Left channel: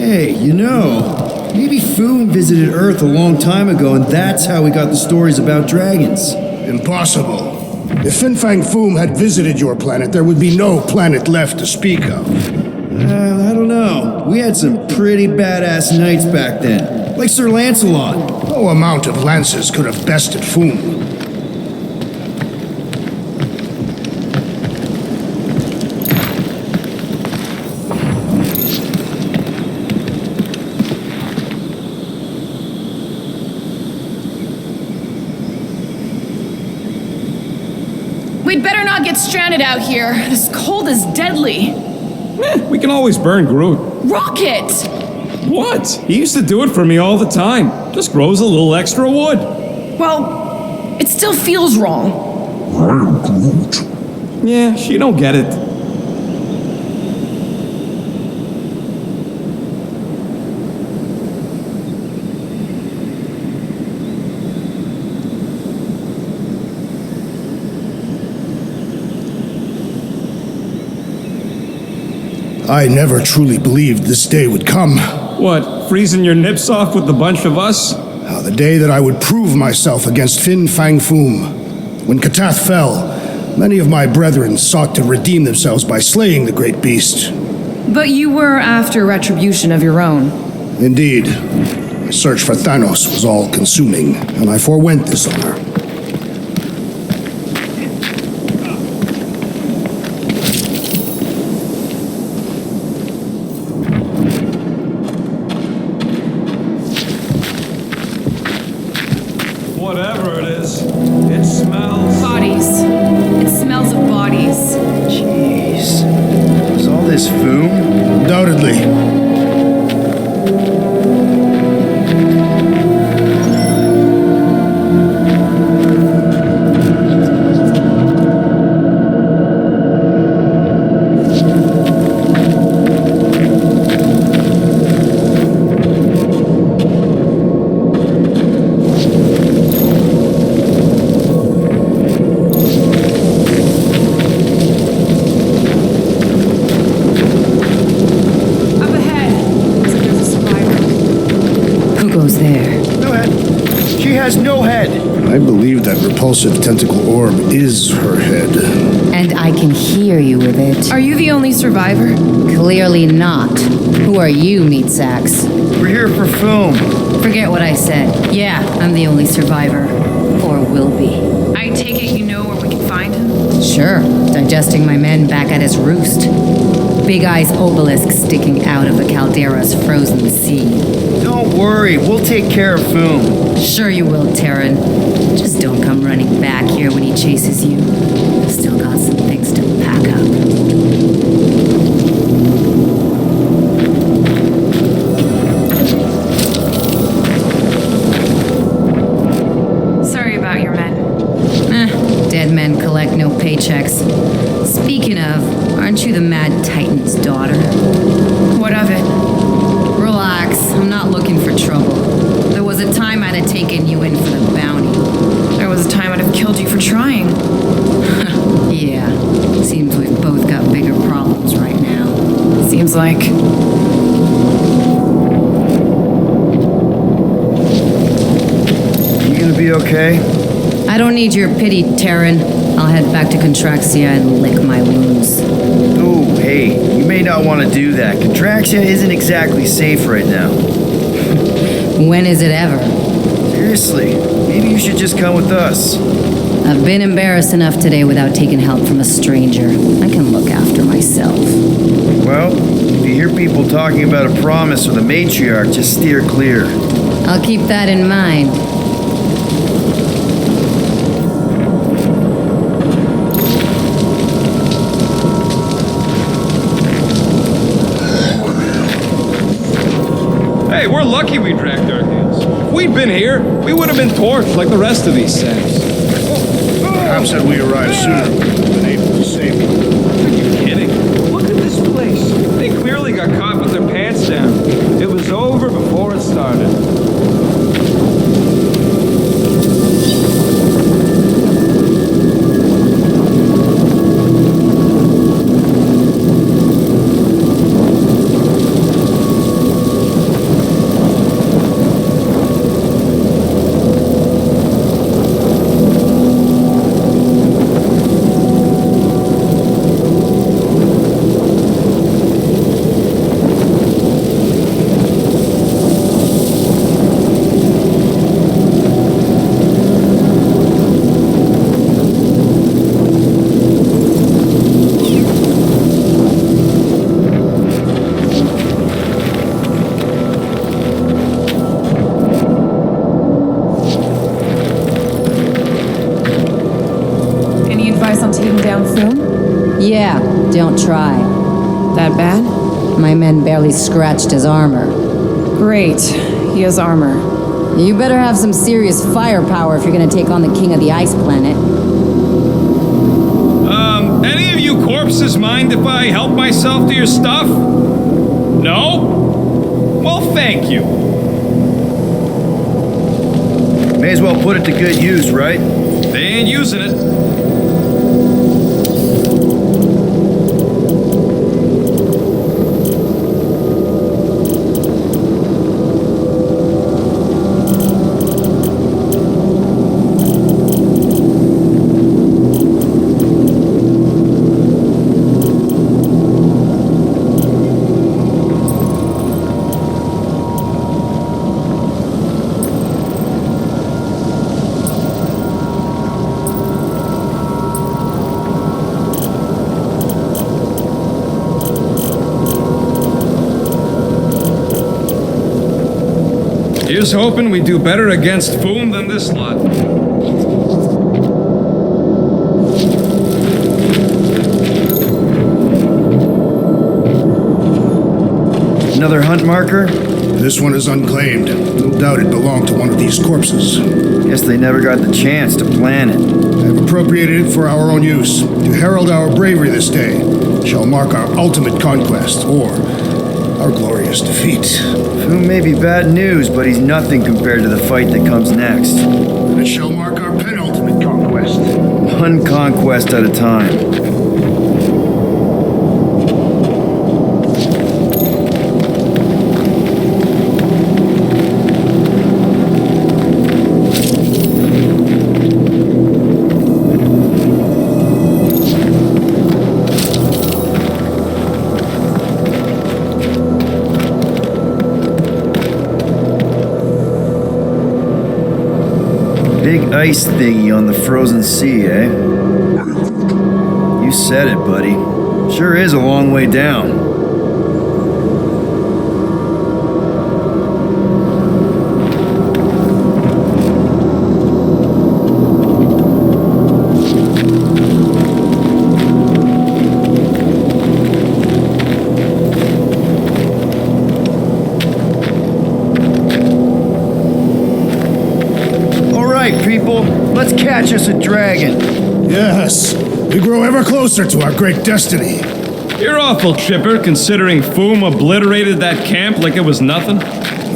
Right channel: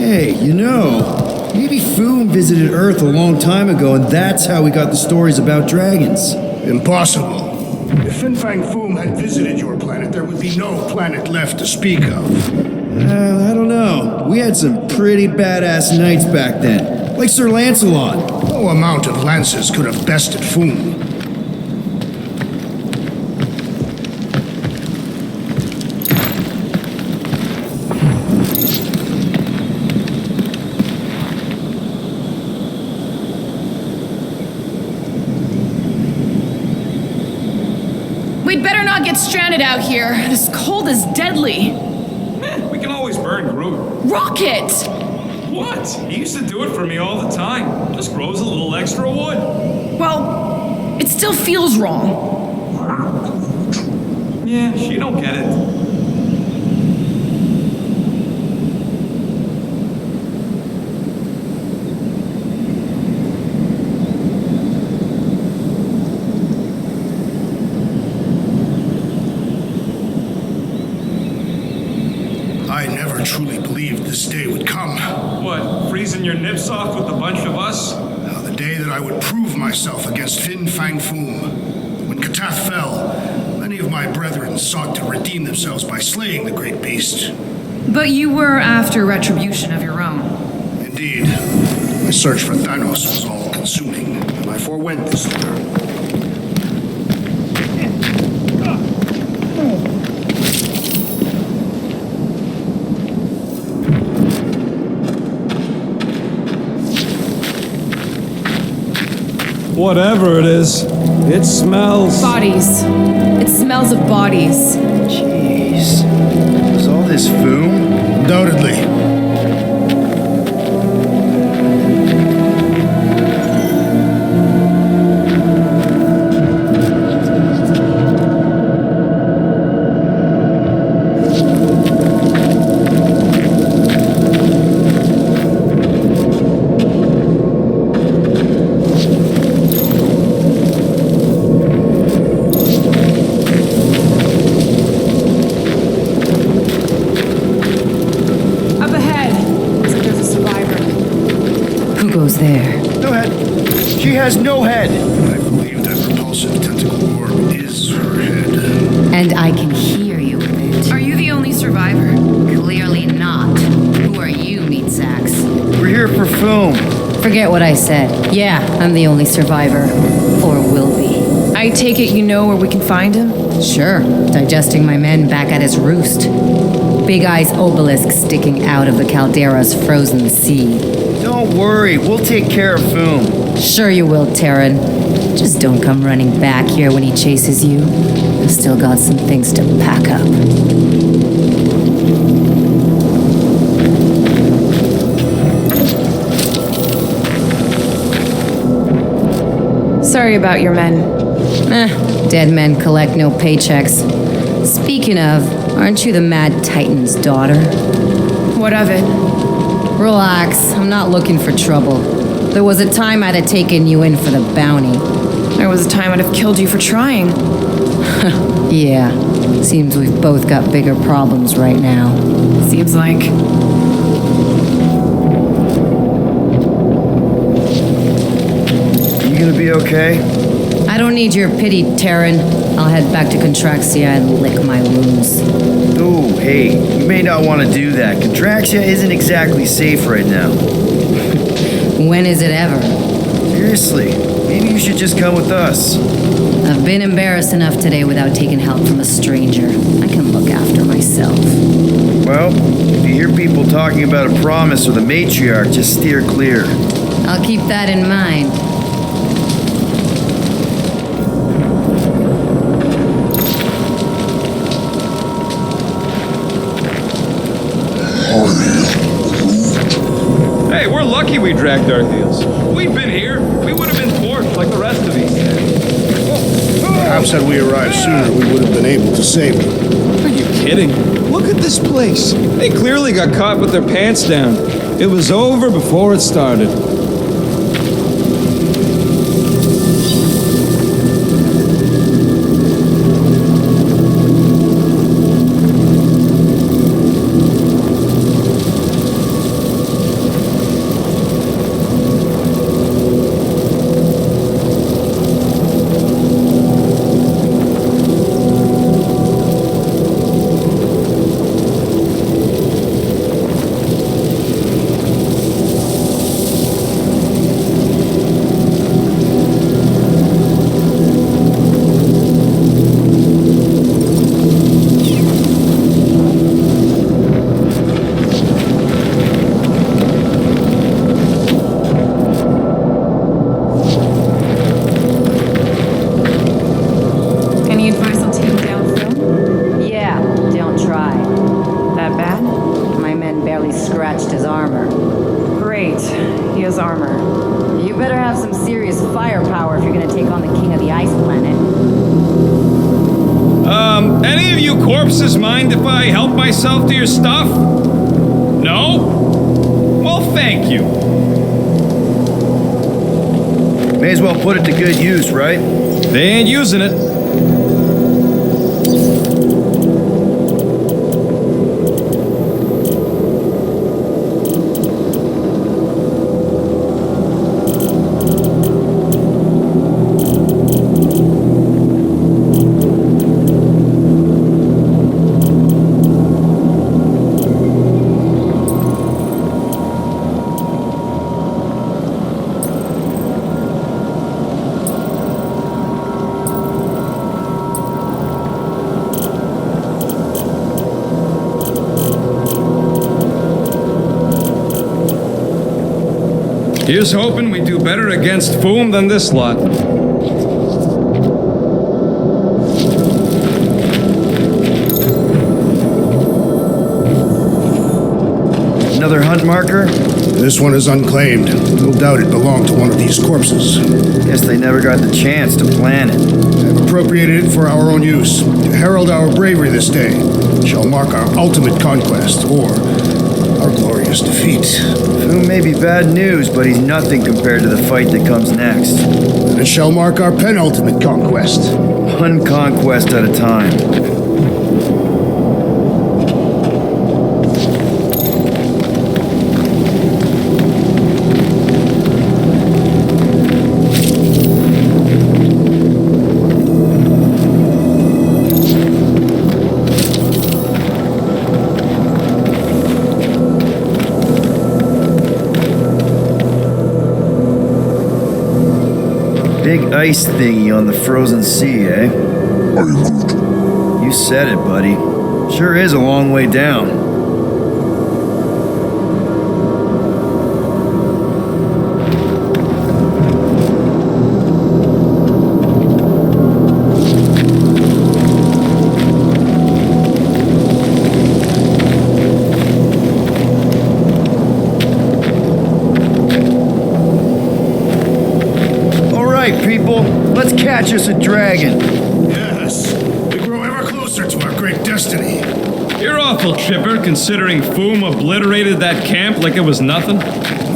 Hey, maybe Foom visited Earth a long time ago, and that's how we got the stories about dragons. Impossible. If Fin Fang Foom had visited your planet, there would be no planet left to speak of. I don't know. We had some pretty badass knights back then, like Sir Lancelot. No amount of lances could have bested Foom. We'd better not get stranded out here. This cold is deadly. We can always burn Groot. Rocket! What? He used to do it for me all the time. Just grows a little extra wood. Well, it still feels wrong. Yeah, she don't get it. I never truly believed this day would come. What, freezing your nips off with a bunch of us? The day that I would prove myself against Fin Fang Foom. When Katath fell, many of my brethren sought to redeem themselves by slaying the great beast. But you were after retribution of your own. Indeed. My search for Thanos was all-consuming, and I forewent this honor. Whatever it is, it smells. Bodies. It smells of bodies. Jeez. Was all this Foom? Undoubtedly. Who goes there? No head. She has no head. I believe that repulsive tentacle orb is her head. And I can hear you with it. Are you the only survivor? Clearly not. Who are you, meat sacks? We're here for Foom. Forget what I said. Yeah, I'm the only survivor. Or will be. I take it you know where we can find him? Sure. Digesting my men back at his roost. Big Eye's obelisk sticking out of the caldera's frozen sea. Don't worry, we'll take care of Foom. Sure you will, Terran. Just don't come running back here when he chases you. I've still got some things to pack up. Sorry about your men. Dead men collect no paychecks. Speaking of, aren't you the Mad Titan's daughter? What of it? Relax, I'm not looking for trouble. There was a time I'd have taken you in for the bounty. There was a time I'd have killed you for trying. Yeah, seems we've both got bigger problems right now. Seems like. You gonna be okay? I don't need your pity, Terran. I'll head back to Contraxia and lick my wounds. Ooh, hey, you may not want to do that. Contraxia isn't exactly safe right now. When is it ever? Seriously, maybe you should just come with us. I've been embarrassed enough today without taking help from a stranger. I can look after myself. Well, if you hear people talking about a promise with a matriarch, just steer clear. I'll keep that in mind. Hey, we're lucky we dragged our heels. If we'd been here, we would have been torched like the rest of these things. Perhaps had we arrived sooner, we would have been able to save them. Are you kidding? Look at this place. They clearly got caught with their pants down. It was over before it started. on taking down Foom? Yeah, don't try. That bad? My men barely scratched his armor. Great. He has armor. You better have some serious firepower if you're gonna take on the king of the ice planet. Any of you corpses mind if I help myself to your stuff? No? Well, thank you. May as well put it to good use, right? They ain't using it. Here's hoping we do better against Foom than this lot. Another hunt marker? This one is unclaimed. No doubt it belonged to one of these corpses. Guess they never got the chance to plan it. I have appropriated it for our own use, to herald our bravery this day. It shall mark our ultimate conquest, or our glorious defeat. Foom may be bad news, but he's nothing compared to the fight that comes next. And it shall mark our penultimate conquest. One conquest at a time. Big ice thingy on the frozen sea, eh? You said it, buddy. Sure is a long way down. All right, people, let's catch us a dragon. Yes, we grow ever closer to our great destiny. You're awful chipper, considering Foom obliterated that camp like it was nothing.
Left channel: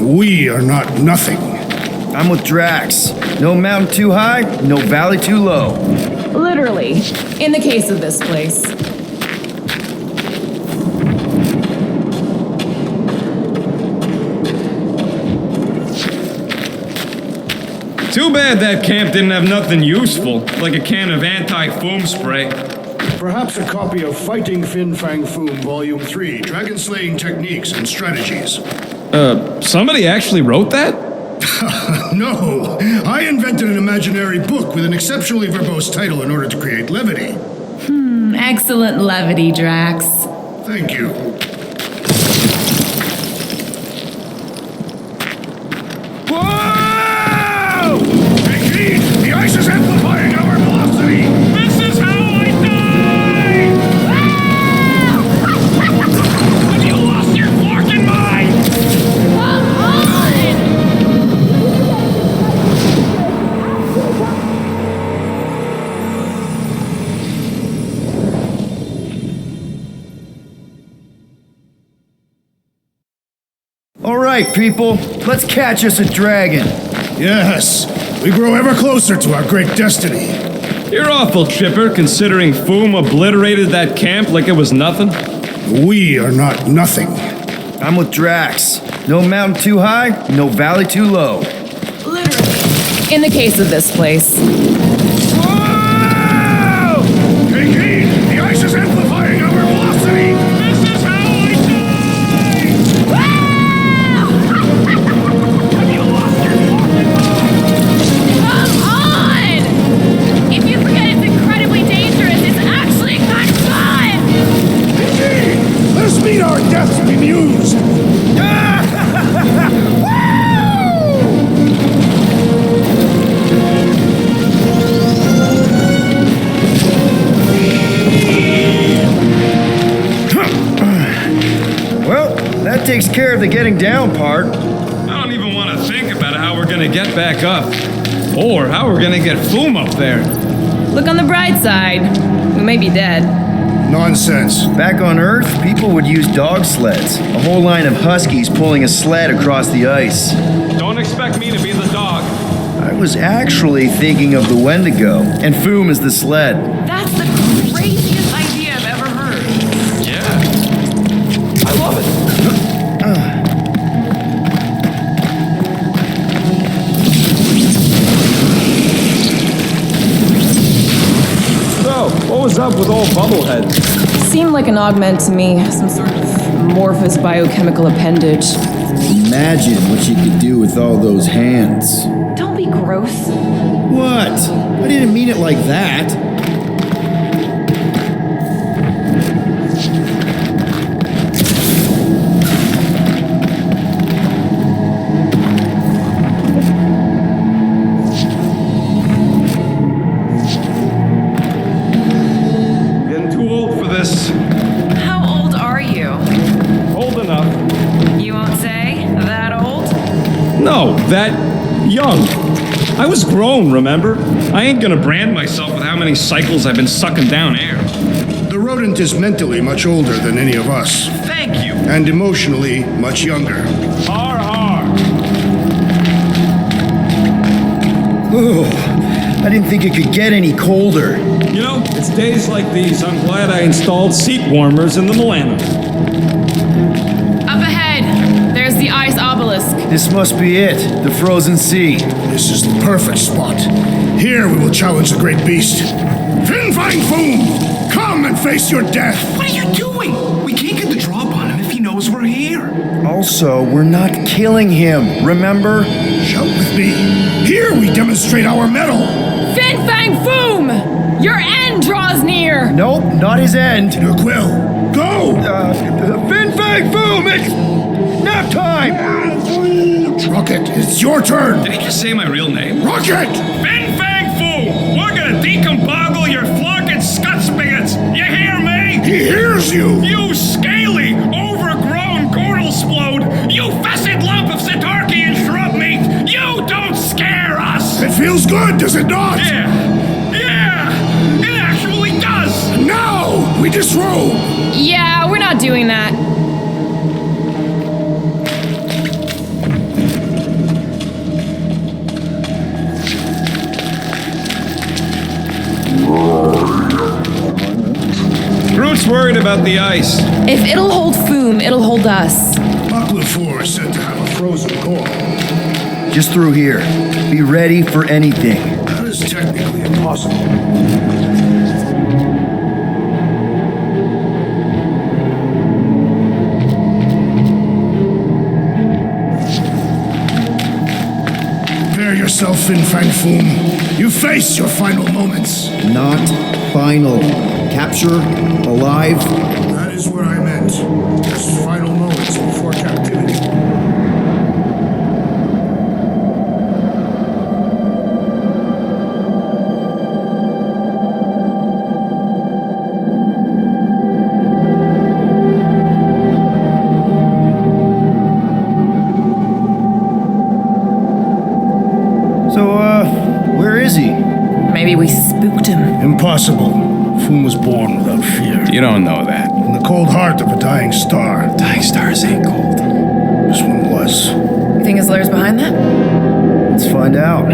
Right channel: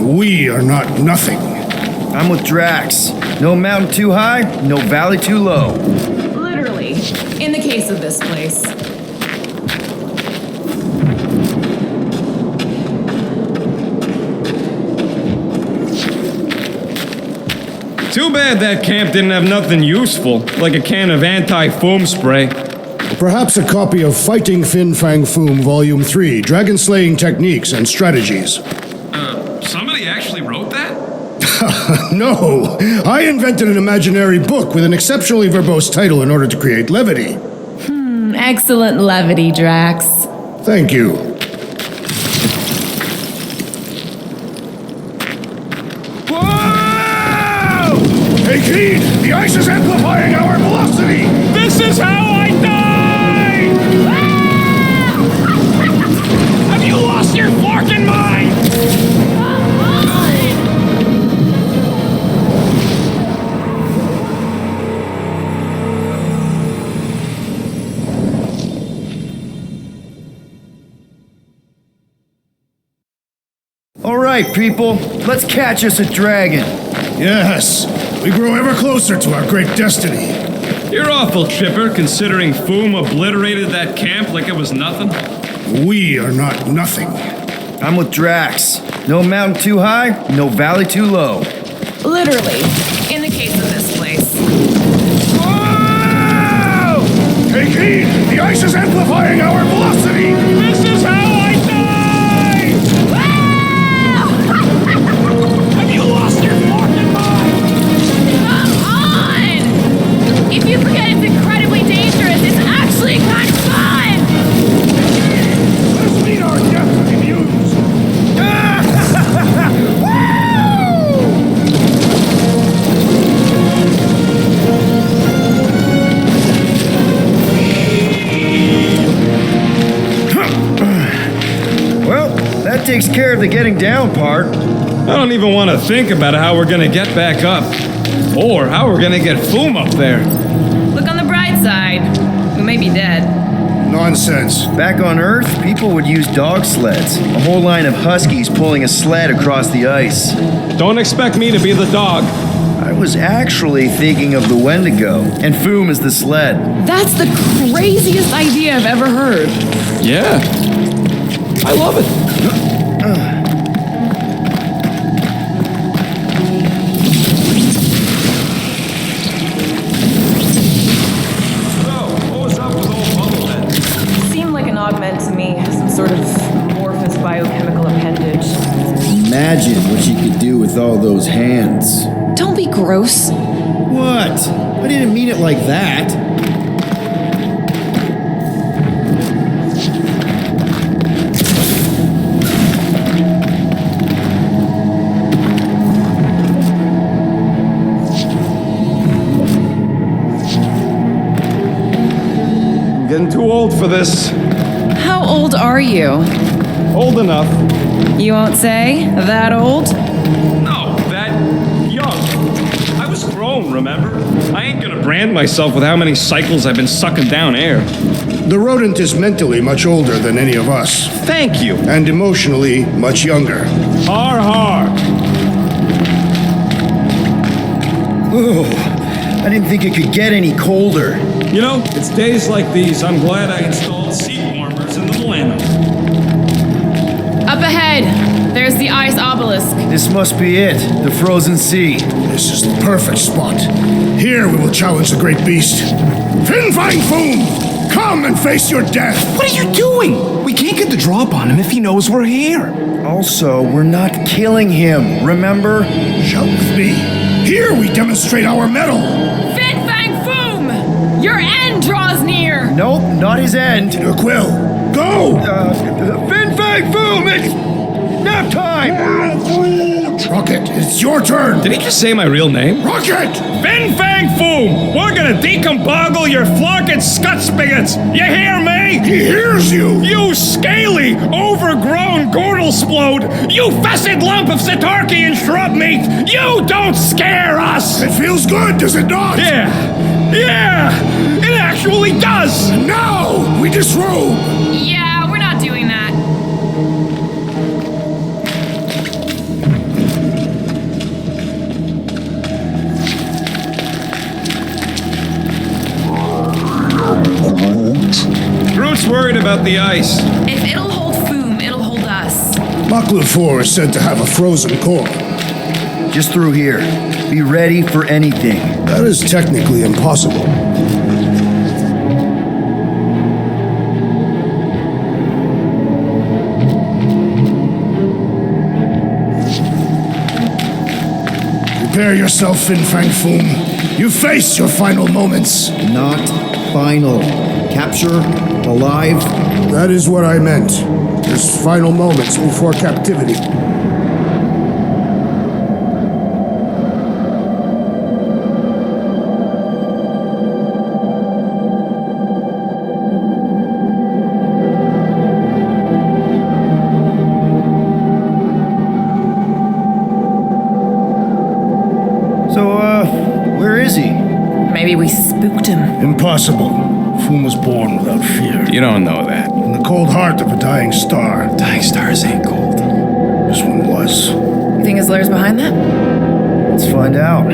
We are not nothing. I'm with Drax. No mountain too high, no valley too low. Literally. In the case of this place. Too bad that camp didn't have nothing useful, like a can of anti-foam spray. Perhaps a copy of Fighting Fin Fang Foom Volume 3, Dragon Slaying Techniques and Strategies. Somebody actually wrote that? No, I invented an imaginary book with an exceptionally verbose title in order to create levity. Excellent levity, Drax. Thank you. Whoa! Take heed! The ice is amplifying our velocity! This is how I die! Have you lost your forking mind? All right, people, let's catch us a dragon. Yes, we grow ever closer to our great destiny. You're awful chipper, considering Foom obliterated that camp like it was nothing. We are not nothing. I'm with Drax. No mountain too high, no valley too low. Literally. In the case of this place. Whoa! Take heed! The ice is amplifying our velocity! This is how I die! Have you lost your Come on! If you forget it's incredibly dangerous, it's actually kind of fun! Let us meet our deaths bemused! That takes care of the getting down part. I don't even want to think about how we're gonna get back up. Or how we're gonna get Foom up there. Look on the bright side. We may be dead. Nonsense. Back on Earth, people would use dog sleds. A whole line of huskies pulling a sled across the ice. Don't expect me to be the dog. I was actually thinking of the Wendigo, and Foom is the sled. That's the craziest idea I've ever heard. Yeah. I love it. So, what was up with old Bubblehead? Seemed like an augment to me, some sort of amorphous biochemical appendage. Imagine what you could do with all those hands. Don't be gross. What? I didn't mean it like that. Getting too old for this. How old are you? Old enough. You won't say? That old? No, that young. I was grown, remember? I ain't gonna brand myself with how many cycles I've been sucking down air. The rodent is mentally much older than any of us, Thank you. and emotionally much younger. Har har. Oh, I didn't think it could get any colder. You know, it's days like these I'm glad I installed seat warmers in the Milano. Up ahead! There's the ice obelisk. This must be it, the frozen sea. This is the perfect spot. Here we will challenge the great beast. Fin Fang Foom! Come and face your death! What are you doing? We can't get the drop on him if he knows we're here. Also, we're not killing him, remember? Shout with me. Here we demonstrate our mettle. Fin Fang Foom! Your end draws near! Nope, not his end. Your quill. Go! Fin Fang Foom, it's nap time! Rocket, it's your turn. Did he just say my real name? Rocket! Fin Fang Foom! We're gonna decomboggle your flunking scut spigots! You hear me? He hears you! You scaly, overgrown gordlesplode! You fessed lump of Satarkian shrub meat! You don't scare us! It feels good, does it not? Yeah! It actually does! Now we disrobe! Yeah, we're not doing that. Groot's worried about the ice. If it'll hold Foom, it'll hold us. Maklu 4 is said to have a frozen core. Just through here. Be ready for anything. That is technically impossible. Prepare yourself, Fin Fang Foom. You face your final moments. Not final. Capture, alive. That is what I meant. His final moments before captivity. So, where is he? Maybe we spooked him. Impossible. Foom was born without fear. You don't know that. In the cold heart of a dying star. Dying stars ain't cold. This one was. You think his lair's behind that? Let's find out.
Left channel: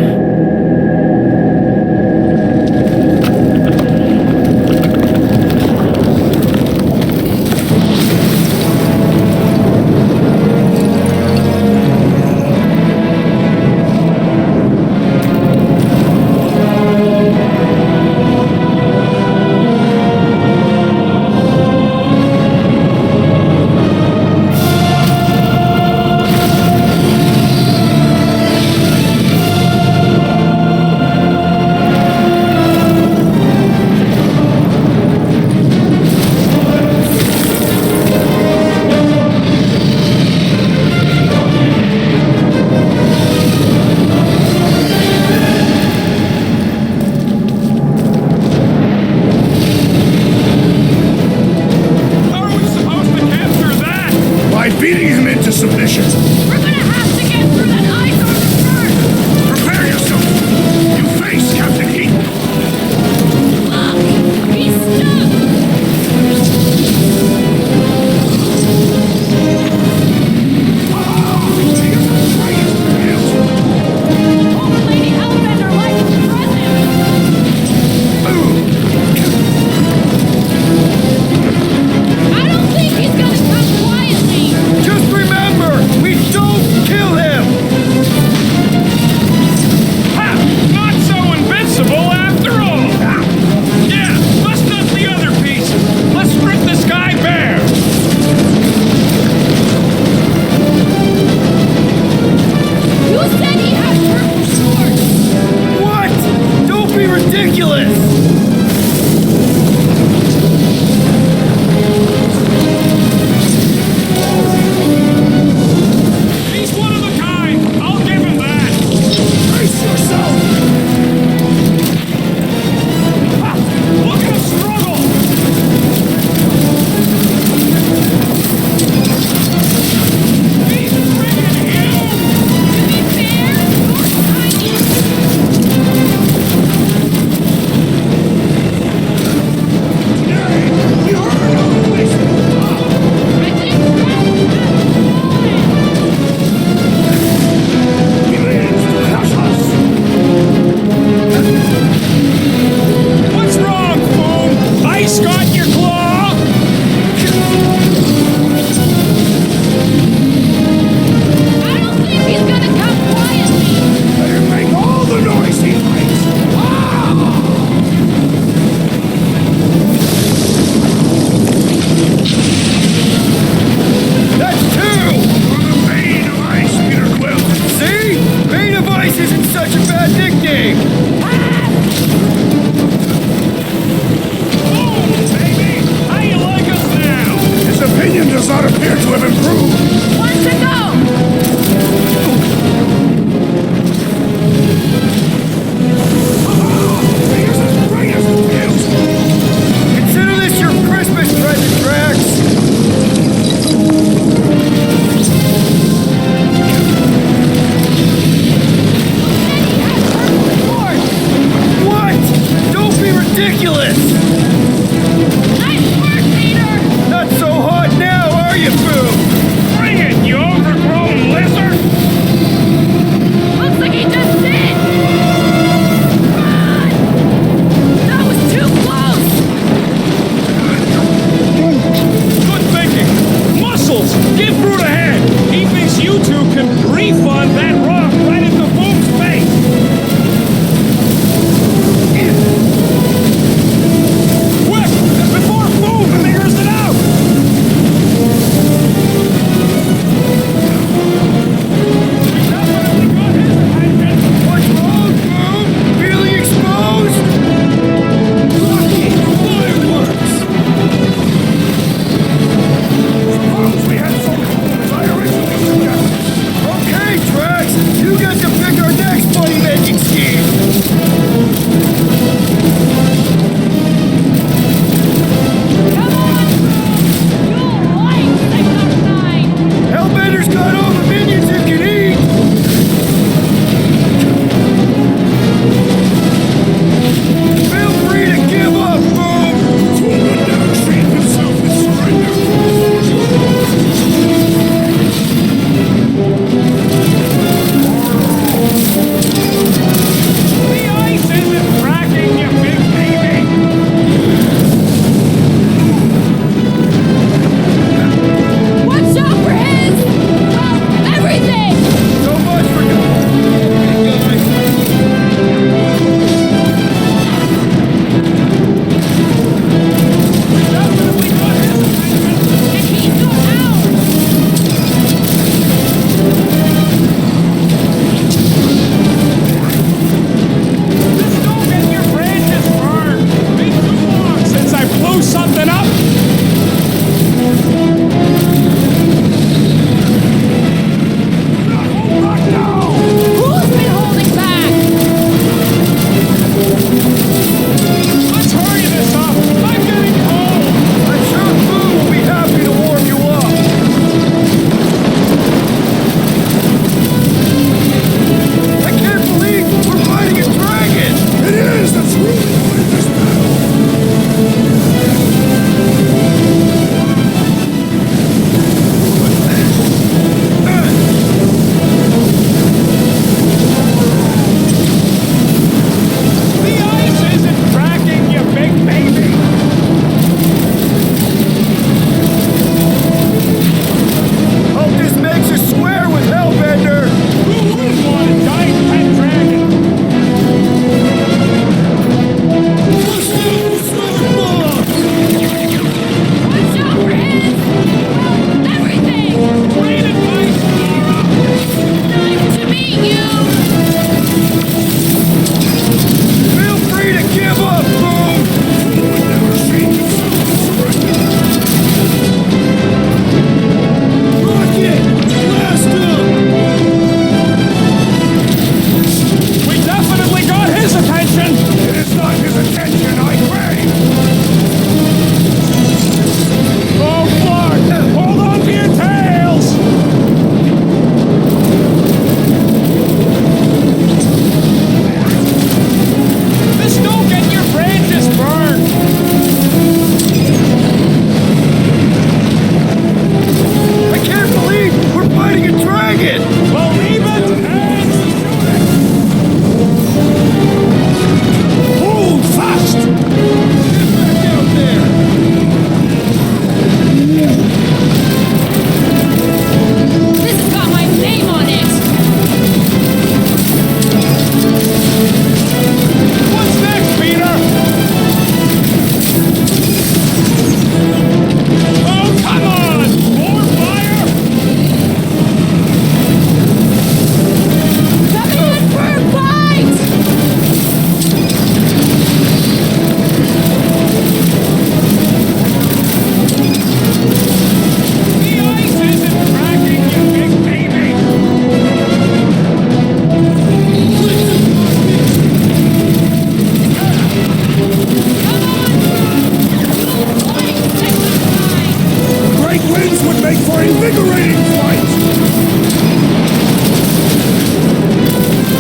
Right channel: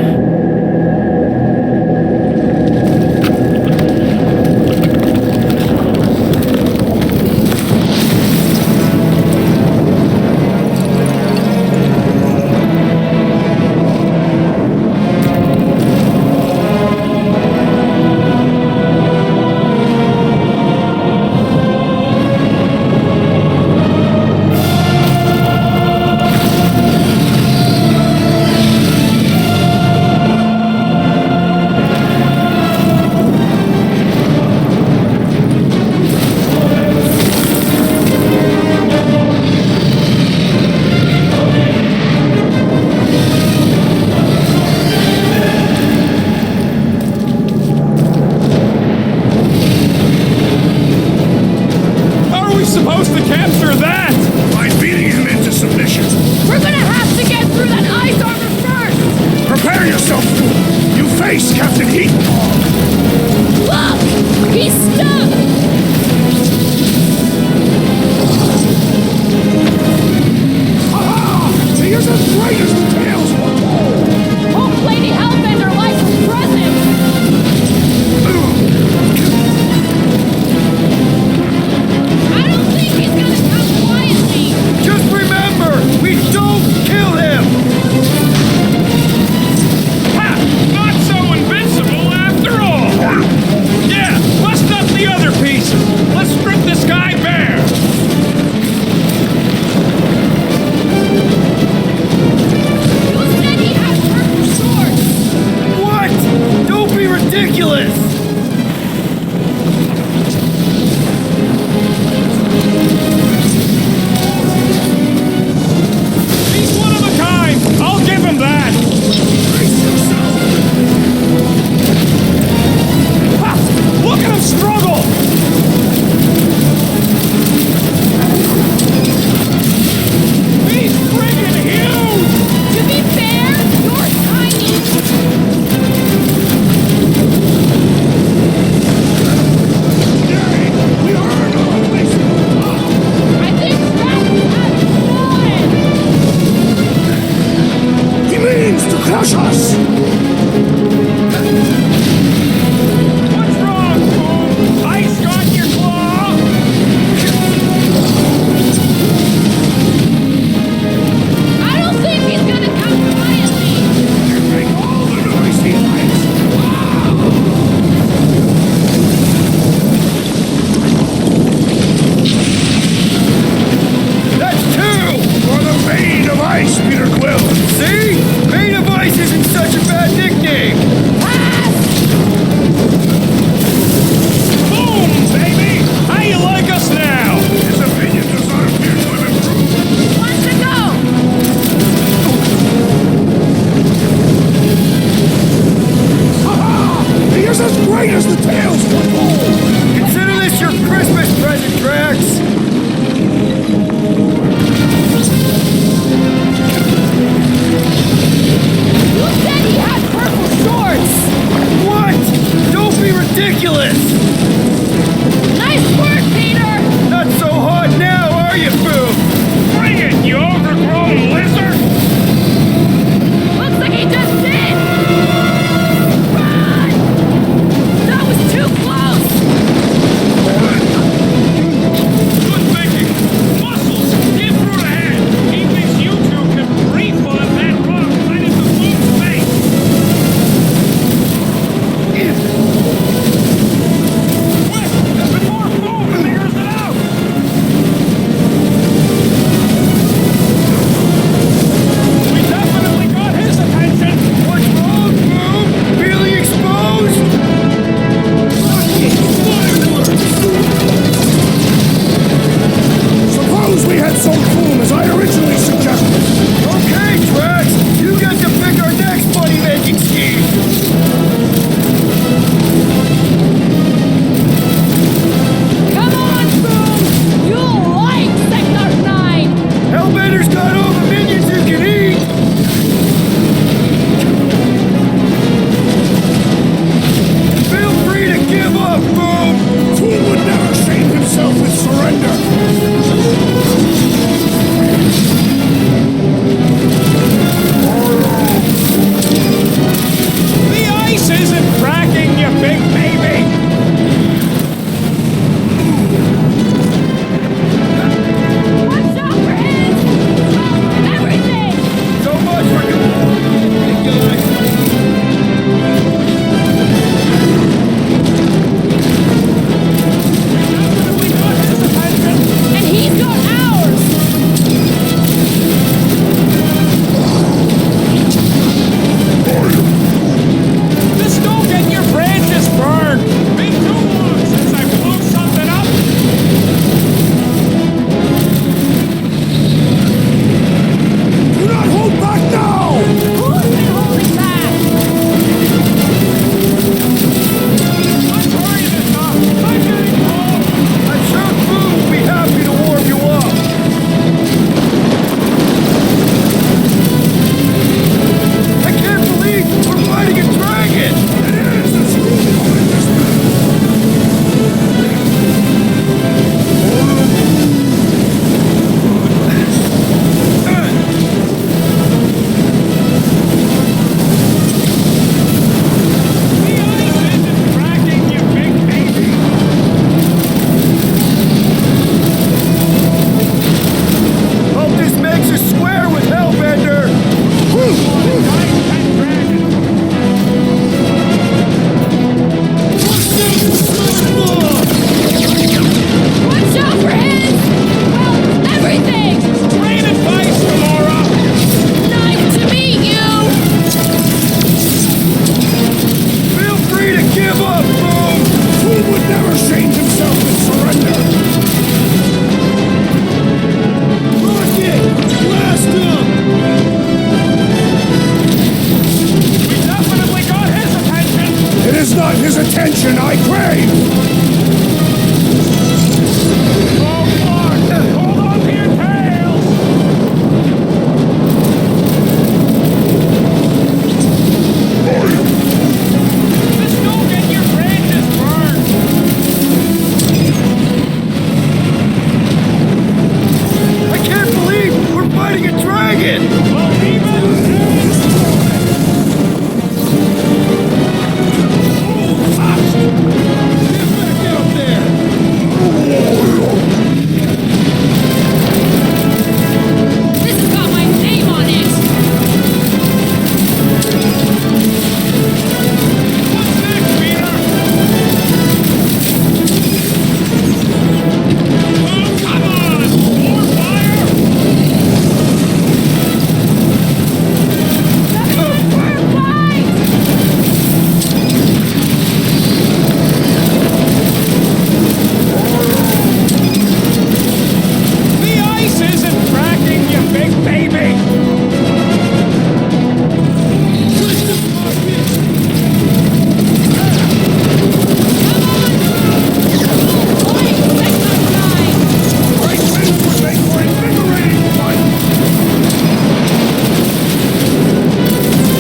by beating him into submission. We're gonna have to get through that ice armor first! Prepare yourself, fool! You face Captain Heat Bomb! Look! He's stuck! Here's the greatest tales foretold! Old Lady Hellbender likes his presence! I don't think he's gonna come quietly! Just remember, we don't kill him! Ha! Not so invincible after all! Yeah, bust up the other pieces. Let's strip this guy bare. Who said he had purple shorts? What? Don't be ridiculous! He's one of a kind. I'll give him that. Brace yourself! Ha! Look at him struggle. He's friggin' huge. To be fair, you're tiny! Nay, we earned our place at the top! I think Drax has fallen! He means to crush us! What's wrong, fool? Ice got your claw? I don't think he's gonna come quietly! Make all the noise he likes! That's two! For the Bane of Ice, Peter Quill! See? Bane of Ice isn't such a bad nickname! Baby, how you like us now? His opinion does not appear to have improved. One to go! He is as great as the tales foretold! Consider this your Christmas present, Drax! Who said he had purple shorts? What? Don't be ridiculous! Nice work, Peter! Not so hot now, are you, Foo? Bring it, you overgrown lizard! Looks like he just did! Run! That was too close! Good thinking! Muscles! Give Groot a hand! He thinks you two can refund that rock right into Boom's face! Quick! Before Boom figures it out! makes us square with Hellbender! Watch out for smart bomb! Watch out for his... well, everything! Great advice, Gamora! Nice to meet you! Feel free to give up, Boom! Who would never shame himself and surrender? Rocket! Blast him! We definitely got his attention! It is not his attention I crave! Hold on to your tails! This don't get your branches burned! I can't believe we're fighting a dragon! Hold fast! Get back out there! This has got my name on it! What's next, Peter? Oh, come on! More fire! Fight! The ice isn't cracking, you big baby! Push the pocket! Come on, Groot! You'll like Sector 9! Great winds would make for invigorating fight!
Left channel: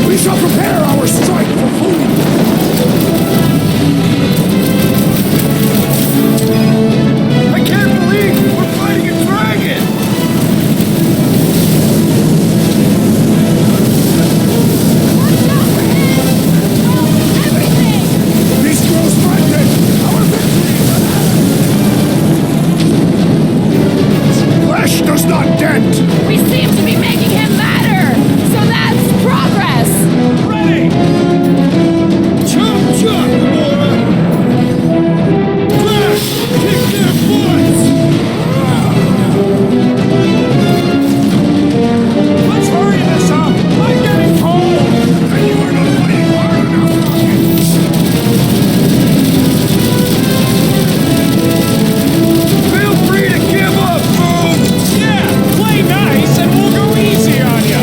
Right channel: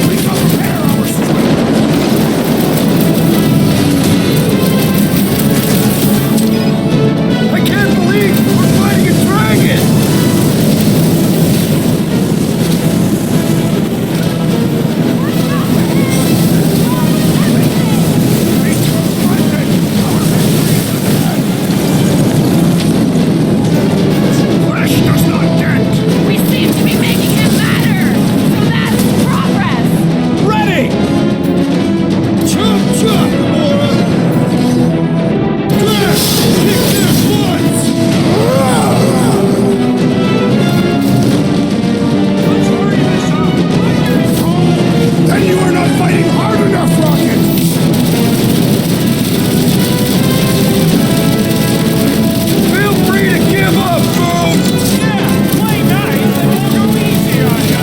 We shall prepare our strike for food! I can't believe we're fighting a dragon! Beast was blinded! Flesh does not dent! We seem to be making him matter! So that's progress! Ready! Chop chop, Gamora! Drax! Kick their butts! Let's hurry this up! I'm getting cold! Then you are not fighting hard enough, Rocket! Feel free to give up, Boom! Yeah, play nice and we'll go easy on you!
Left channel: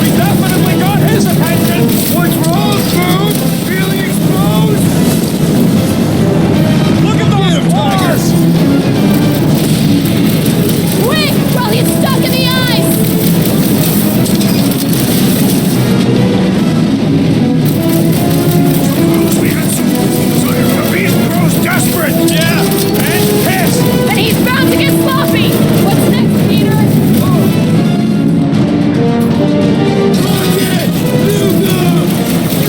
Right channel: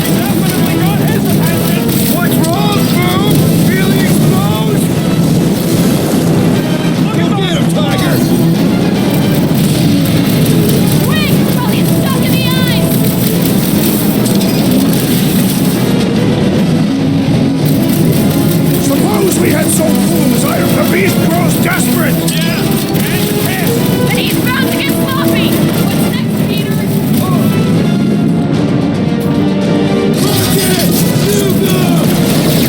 We definitely got his attention! What's wrong, Boom? Feeling exposed? Look Go at get him, those Tiger! claws! Quick! While he's stuck in the ice! Suppose we had so Boom as iron. The beast grows desperate! Yeah, and pissed! Then he's bound to get sloppy! What's next, Peter? Rocket! Nuke him!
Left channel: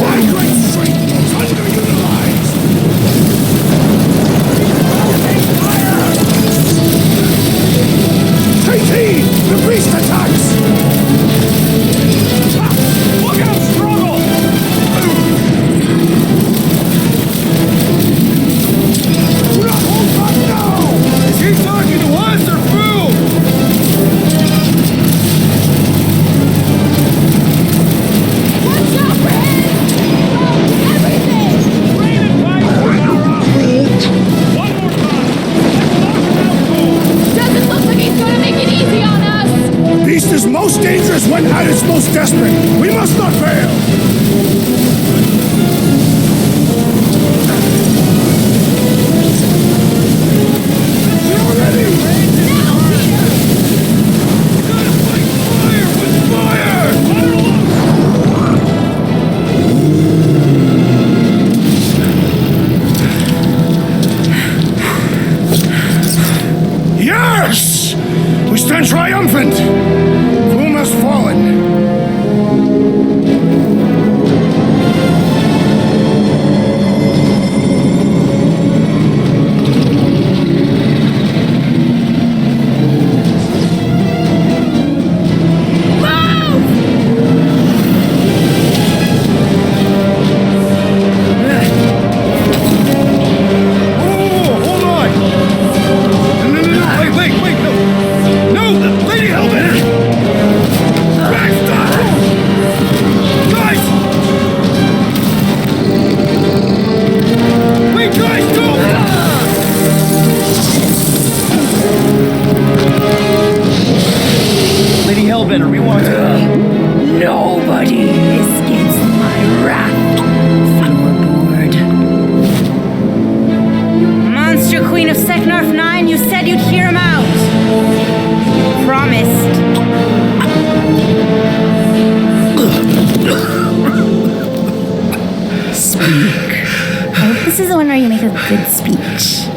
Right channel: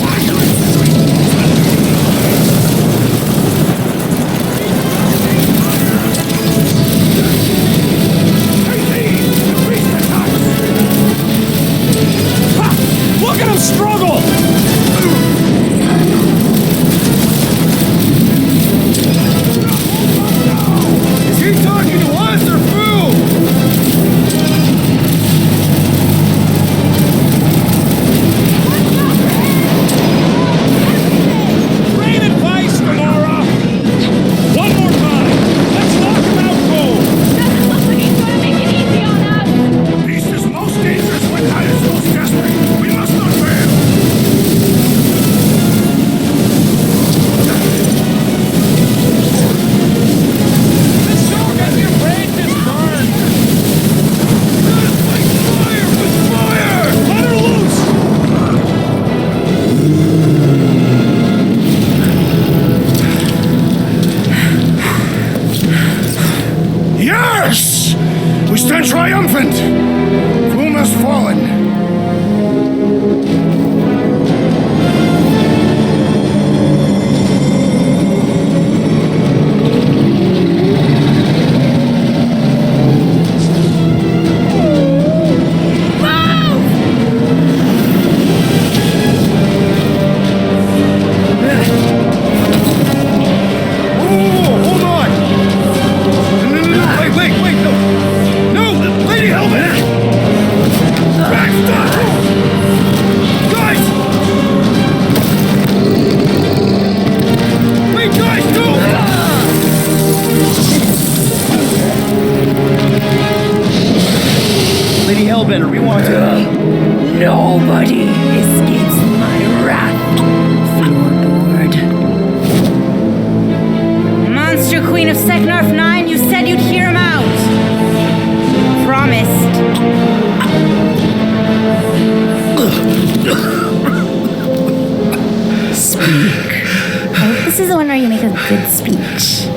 My great strength goes under the eyes! Opening fire! Take heed! The beast attacks! Ha! Look at him struggle! Is he talking to us or Boom? Great advice, Gamora! One more time! Let's knock him out cold! Doesn't look like he's gonna make it easy on us! The beast is most dangerous when at its most desperate. We must not fail! Gotta fight fire with fire! Yes! We stand triumphant! Boom has fallen. Hellbender. We want to... Nobody escapes my wrath. Floorboard. Monster Queen of Seknarf 9, you said you'd hear him out. You promised. Speak. I hope this is the one where you make a good speech.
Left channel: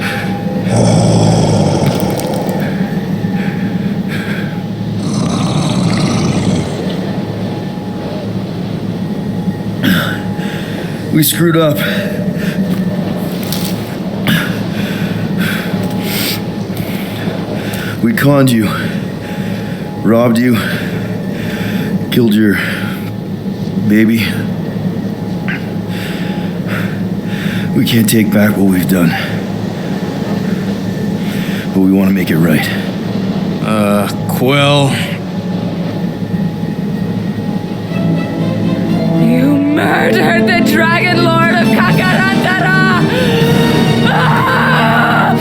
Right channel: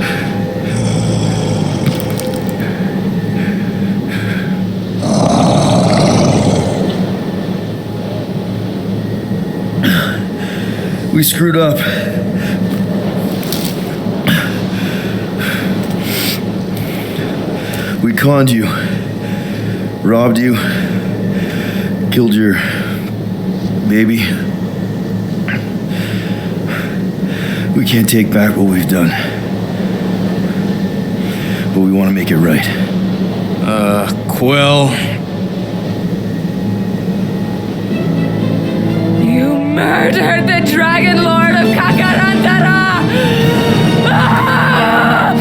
We screwed up. We conned you, robbed you, killed your baby. We can't take back what we've done, but we want to make it right. Quill. You murdered the Dragon Lord of Kakarantara! Ah!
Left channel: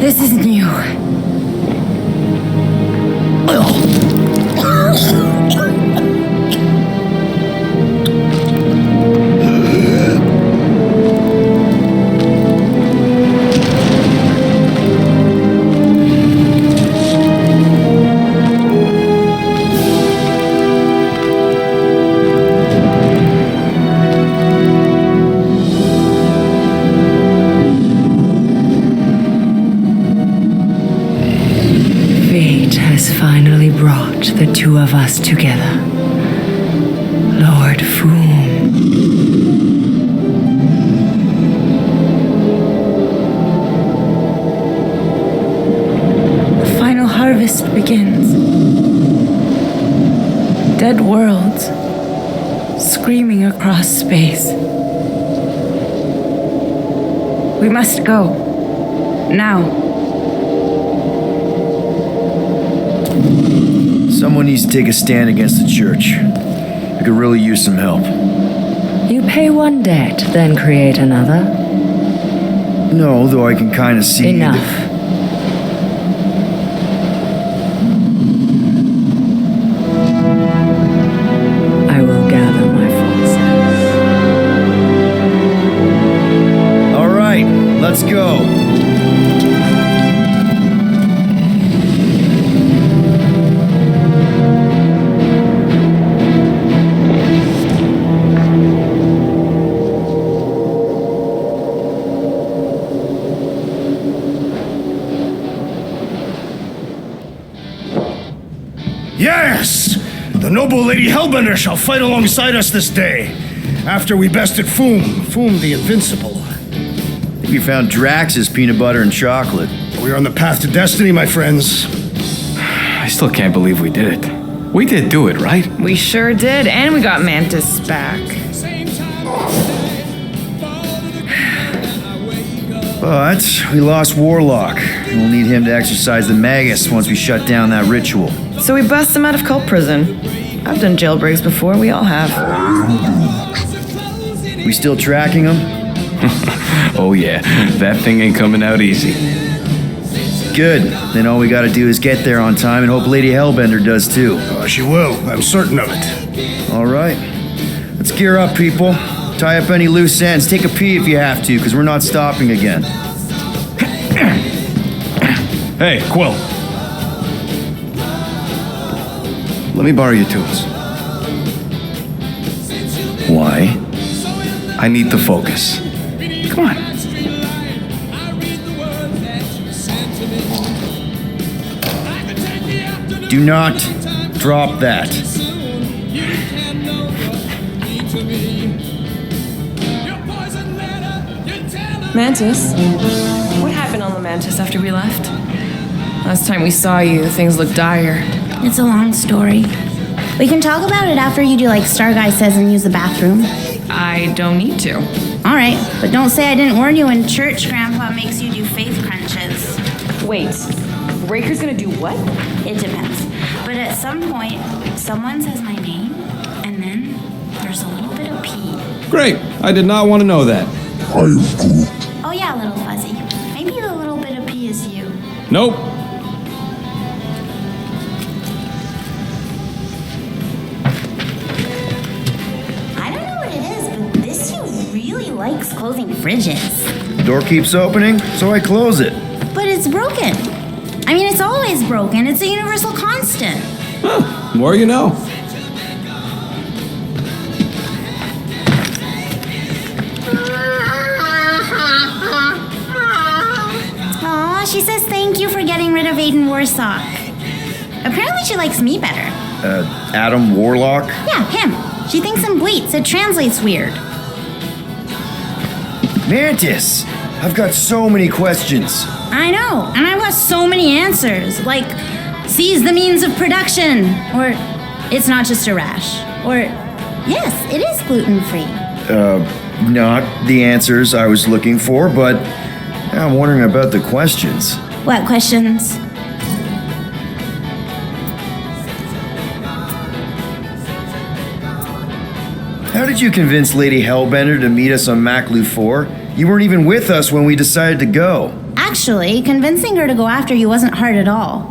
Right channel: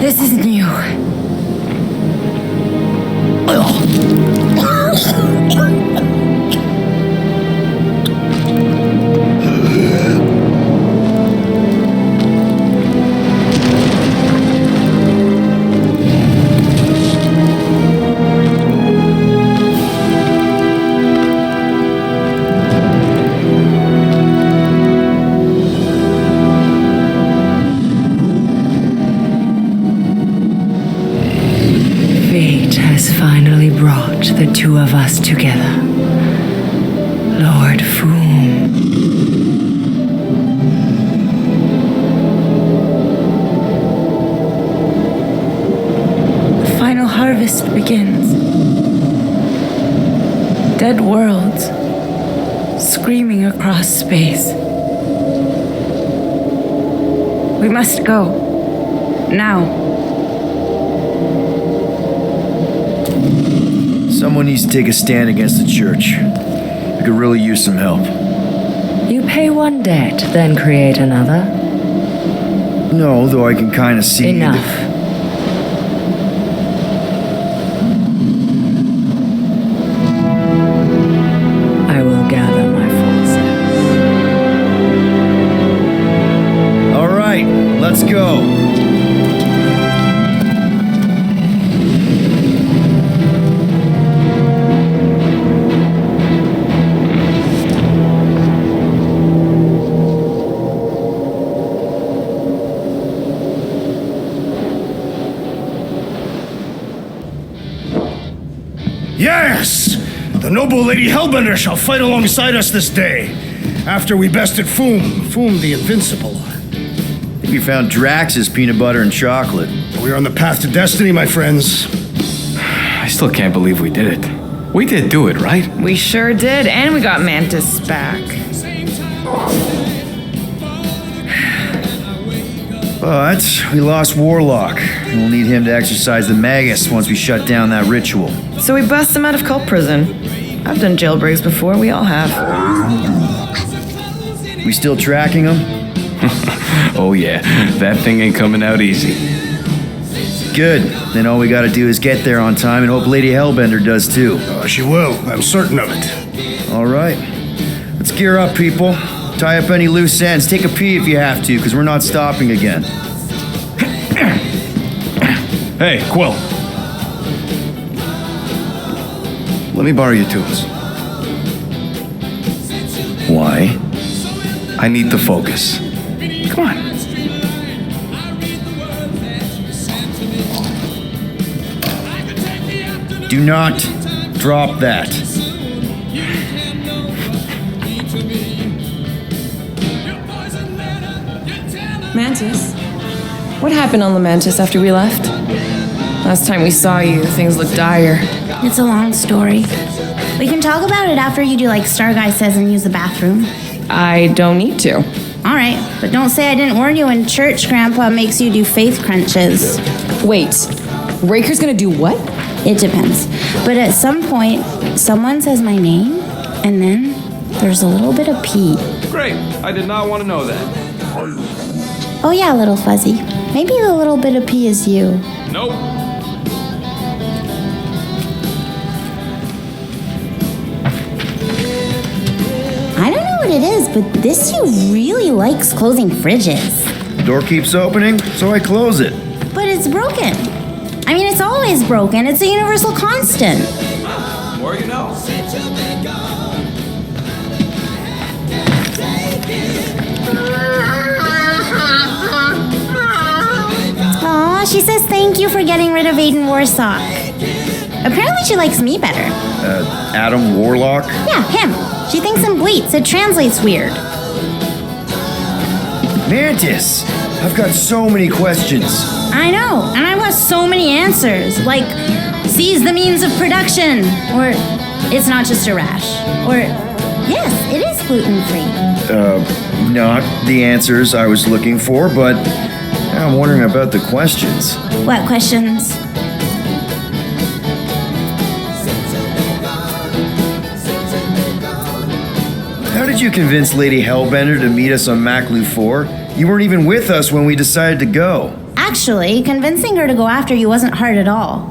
This is new. Fate has finally brought the two of us together. Lord Foom. The final harvest begins. Dead worlds screaming across space. We must go. Now. Someone needs to take a stand against the church. We could really use some help. You pay one debt, then create another. No, though I can kind of see... Enough. I will gather my forces. All right, let's go. Yes! The noble Lady Hellbender shall fight alongside us this day. After we bested Foom the Invincible. I think we found Drax's peanut butter and chocolate. We are on the path to destiny, my friends. I still can't believe we did it. We did do it, right? We sure did, and we got Mantis back. But we lost Warlock, and we'll need him to exercise the Magus once we shut down that ritual. So we bust him out of cult prison. I've done jailbreaks before, we all have. We still tracking him? Oh yeah, that thing ain't coming out easy. Good. Then all we gotta do is get there on time and hope Lady Hellbender does too. She will, I'm certain of it. All right. Let's gear up, people. Tie up any loose ends. Take a pee if you have to, because we're not stopping again. Hey, Quill. Let me borrow your tools. Why? I need to focus. Come on. Do not drop that. Mantis, What happened on Lamentis after we left? Last time we saw you, things looked dire. It's a long story. We can talk about it after you do like Star Guy says and use the bathroom. I don't need to. All right, but don't say I didn't warn you in church Grandpa makes you do faith crunches. Wait, Raker's gonna do what? It depends. But at some point, someone says my name, and then there's a little bit of pee. Great. I did not want to know that. Oh yeah, little fuzzy. Maybe the little bit of pee is you. Nope. I don't know what it is, but this you really likes closing fridges. Door keeps opening, so I close it. But it's broken. I mean, it's always broken. It's a universal constant. Huh. More you know. Aw, she says thank you for getting rid of Aiden Warsock. Apparently she likes me better. Adam Warlock? Yeah, him. She thinks I'm bleats. It translates weird. Mantis! I've got so many questions. I know, and I've got so many answers. Like, seize the means of production. Or, it's not just a rash. Or, yes, it is gluten-free. Not the answers I was looking for, but I'm wondering about the questions. What questions? How did you convince Lady Hellbender to meet us on Maclu 4? You weren't even with us when we decided to go. Actually, convincing her to go after you wasn't hard at all.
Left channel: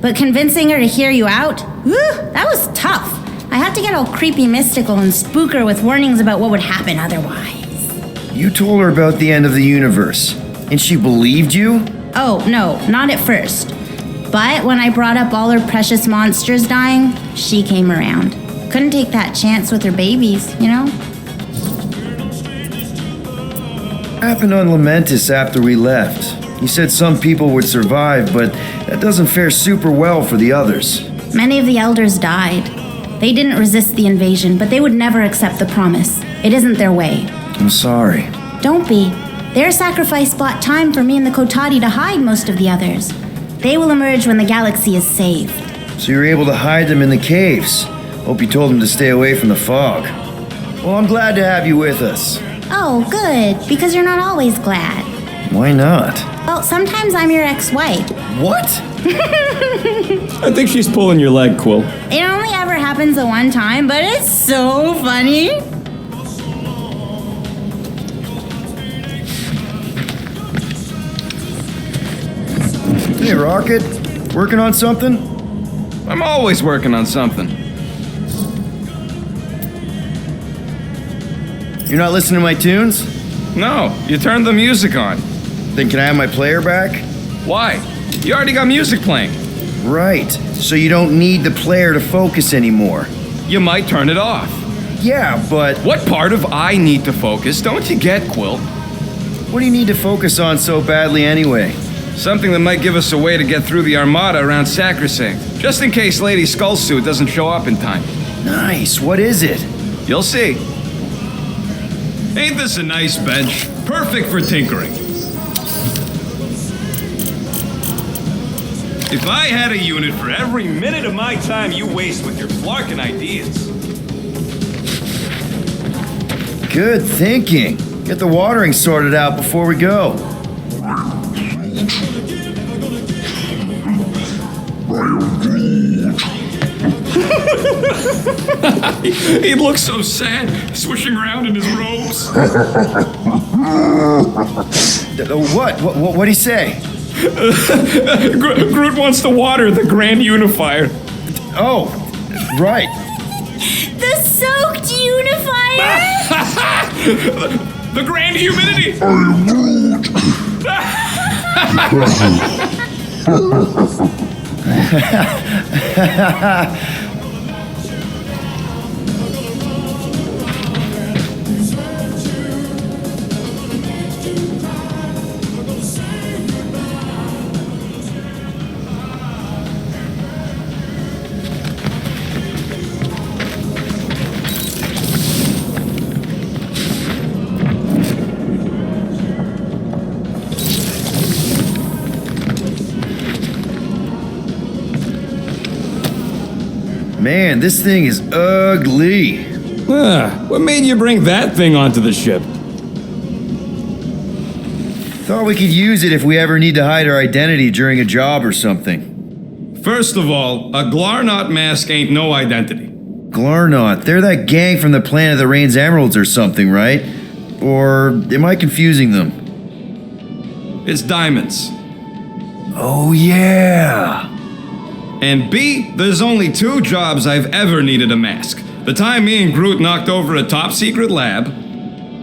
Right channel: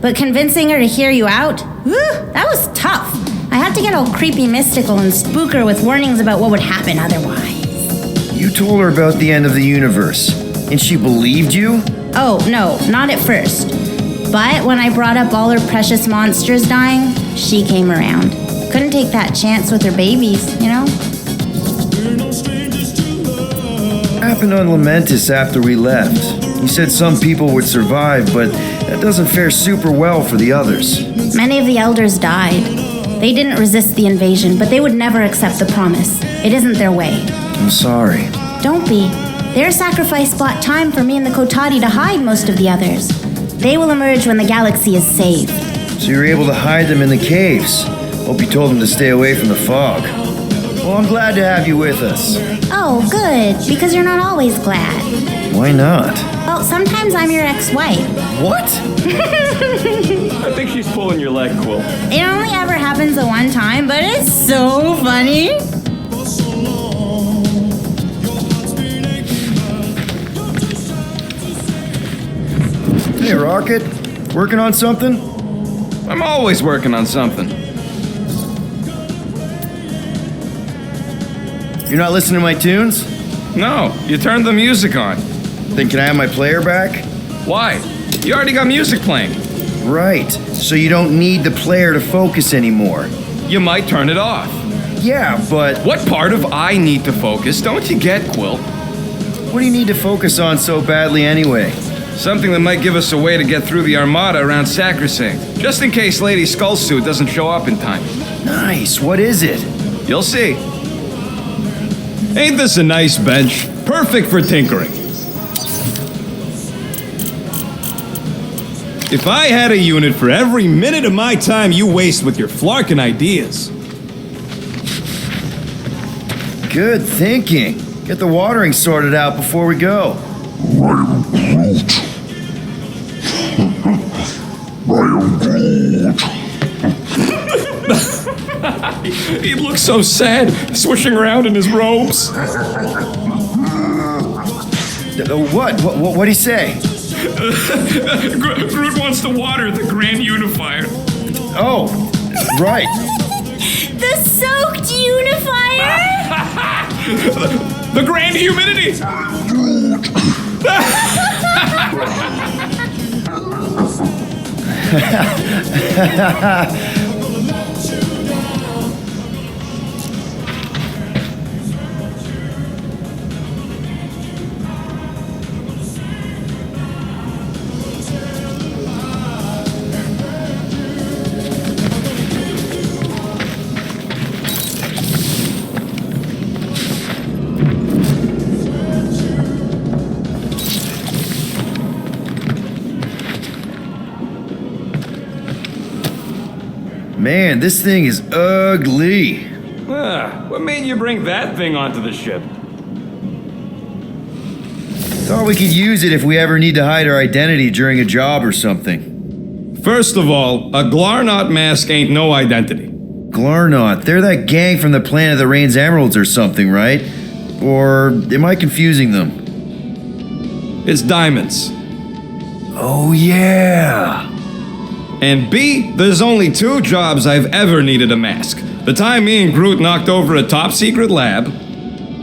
But convincing her to hear you out? Whew, that was tough. I had to get all creepy mystical and spook her with warnings about what would happen otherwise. You told her about the end of the universe, and she believed you? Oh, no, not at first. But when I brought up all her precious monsters dying, she came around. Couldn't take that chance with her babies, you know? What happened on Lamentis after we left? You said some people would survive, but that doesn't fare super well for the others. Many of the elders died. They didn't resist the invasion, but they would never accept the promise. It isn't their way. I'm sorry. Don't be. Their sacrifice bought time for me and the Kotati to hide most of the others. They will emerge when the galaxy is saved. So you were able to hide them in the caves. Hope you told them to stay away from the fog. Well, I'm glad to have you with us. Oh, good, because you're not always glad. Why not? Well, sometimes I'm your ex-wife. What? I think she's pulling your leg, Quill. It only ever happens the one time, but it's so funny. Hey, Rocket. Working on something? I'm always working on something. You're not listening to my tunes? No, you turned the music on. Then can I have my player back? Why? You already got music playing. Right. So you don't need the player to focus anymore. You might turn it off. Yeah, but What part of I need to focus don't you get, Quill? what do you need to focus on so badly anyway? Something that might give us a way to get through the Armada around Sacrosanct, just in case Lady Skullsuit doesn't show up in time. Nice. What is it? You'll see. Ain't this a nice bench? Perfect for tinkering. If I had a unit for every minute of my time you waste with your flarkin' ideas. Good thinking. Get the watering sorted out before we go. He looks so sad, swishing around in his robes. What'd he say? Groot wants to water the Grand Unifier. Oh, right. The soaked unifier? The Grand Humidity! Man, this thing is ugly. What made you bring that thing onto the ship? Thought we could use it if we ever need to hide our identity during a job or something. First of all, a Glarnot mask ain't no identity. Glarnot, they're that gang from the Planet of the Rain's Emeralds or something, right? Or am I confusing them? It's diamonds. Oh, yeah. And B, there's only 2 jobs I've ever needed a mask. The time me and Groot knocked over a top-secret lab.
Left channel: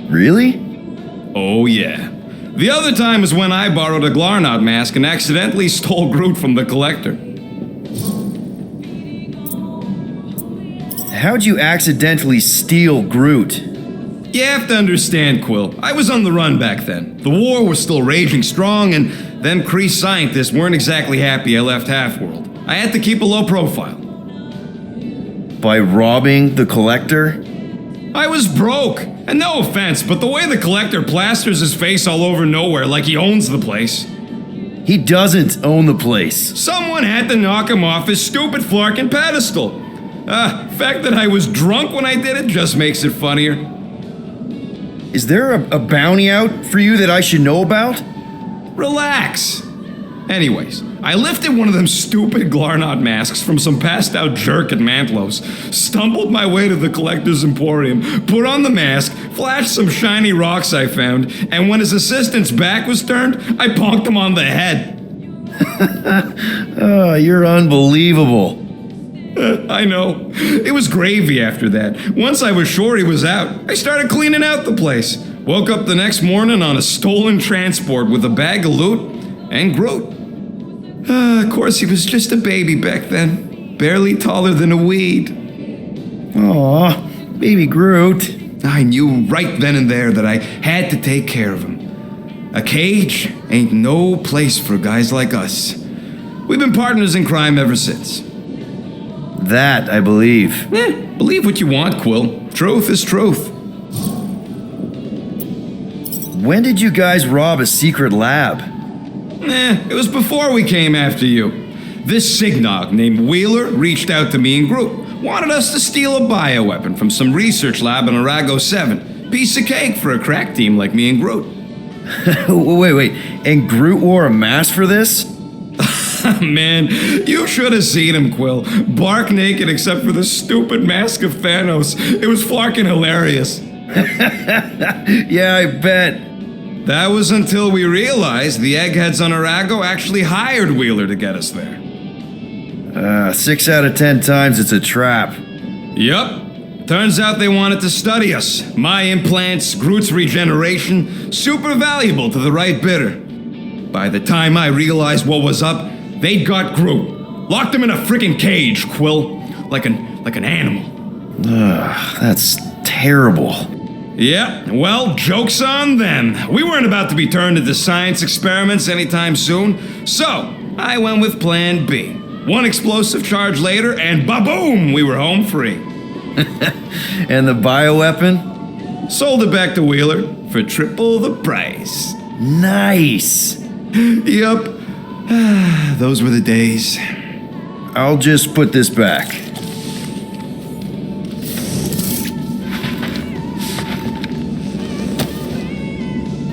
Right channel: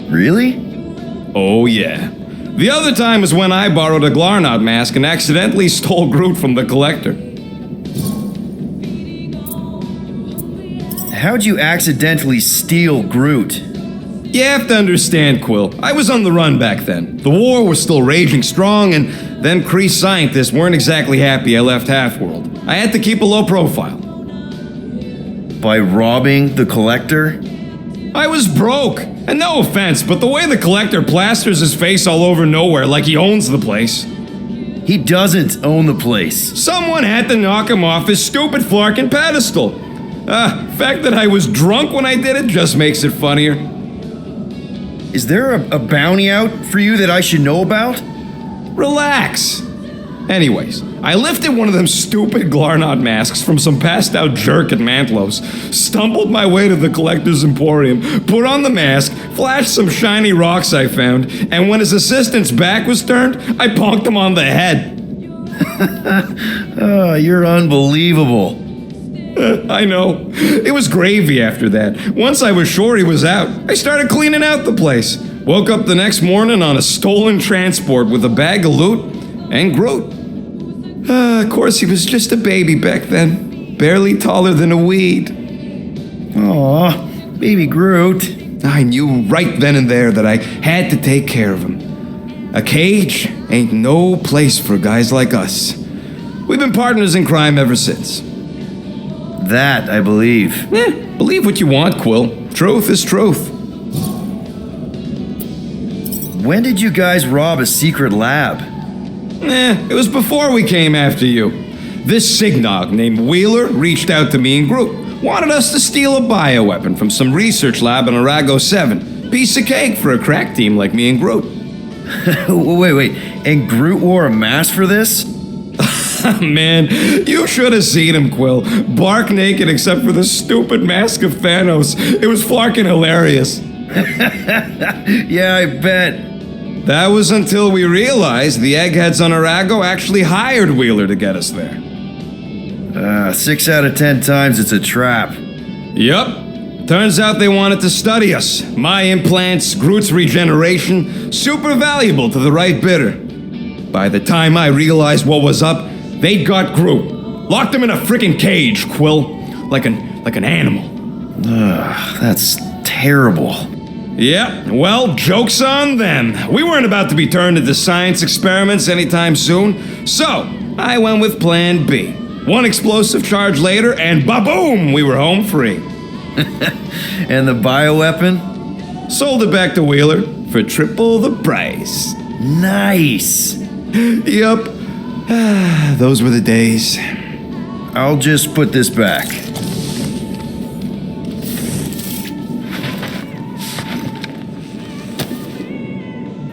Really? Oh, yeah. The other time is when I borrowed a Glarnot mask and accidentally stole Groot from the Collector. How'd you accidentally steal Groot? You have to understand, Quill. I was on the run back then. The war was still raging strong, and then Kree scientists weren't exactly happy I left Half-World. I had to keep a low profile. By robbing the Collector? I was broke. And no offense, but the way the Collector plasters his face all over nowhere like he owns the place. He doesn't own the place. Someone had to knock him off his stupid flarkin' pedestal. Fact that I was drunk when I did it just makes it funnier. Is there a bounty out for you that I should know about? Relax. Anyways, I lifted one of them stupid Glarnot masks from some passed out jerk at Mantlow's, stumbled my way to the Collector's Emporium, put on the mask, flashed some shiny rocks I found, and when his assistant's back was turned, I bonked him on the head. Oh, you're unbelievable. I know. It was gravy after that. Once I was sure he was out, I started cleaning out the place. Woke up the next morning on a stolen transport with a bag of loot and Groot. Of course, he was just a baby back then. Barely taller than a weed. Aw, baby Groot. I knew right then and there that I had to take care of him. A cage ain't no place for guys like us. We've been partners in crime ever since. That, I believe. Believe what you want, Quill. Truth is truth. When did you guys rob a secret lab? It was before we came after you. This Signog named Wheeler reached out to me and Groot. Wanted us to steal a bioweapon from some research lab in Arago 7. Piece of cake for a crack team like me and Groot. Wait. And Groot wore a mask for this? Man, you should have seen him, Quill. Bark naked except for the stupid mask of Thanos. It was fucking hilarious. Yeah, I bet. That was until we realized the eggheads on Arago actually hired Wheeler to get us there. 6 out of 10 times it's a trap. Yup. Turns out they wanted to study us. My implants, Groot's regeneration, super valuable to the right bidder. By the time I realized what was up, they'd got Groot. Locked him in a freaking cage, Quill. Like an animal. That's terrible. Yeah, well, joke's on them. We weren't about to be turned into science experiments anytime soon, so I went with plan B. One explosive charge later, and ba-boom, we were home free. And the bioweapon? Sold it back to Wheeler for triple the price. Nice. Yup. Those were the days. I'll just put this back.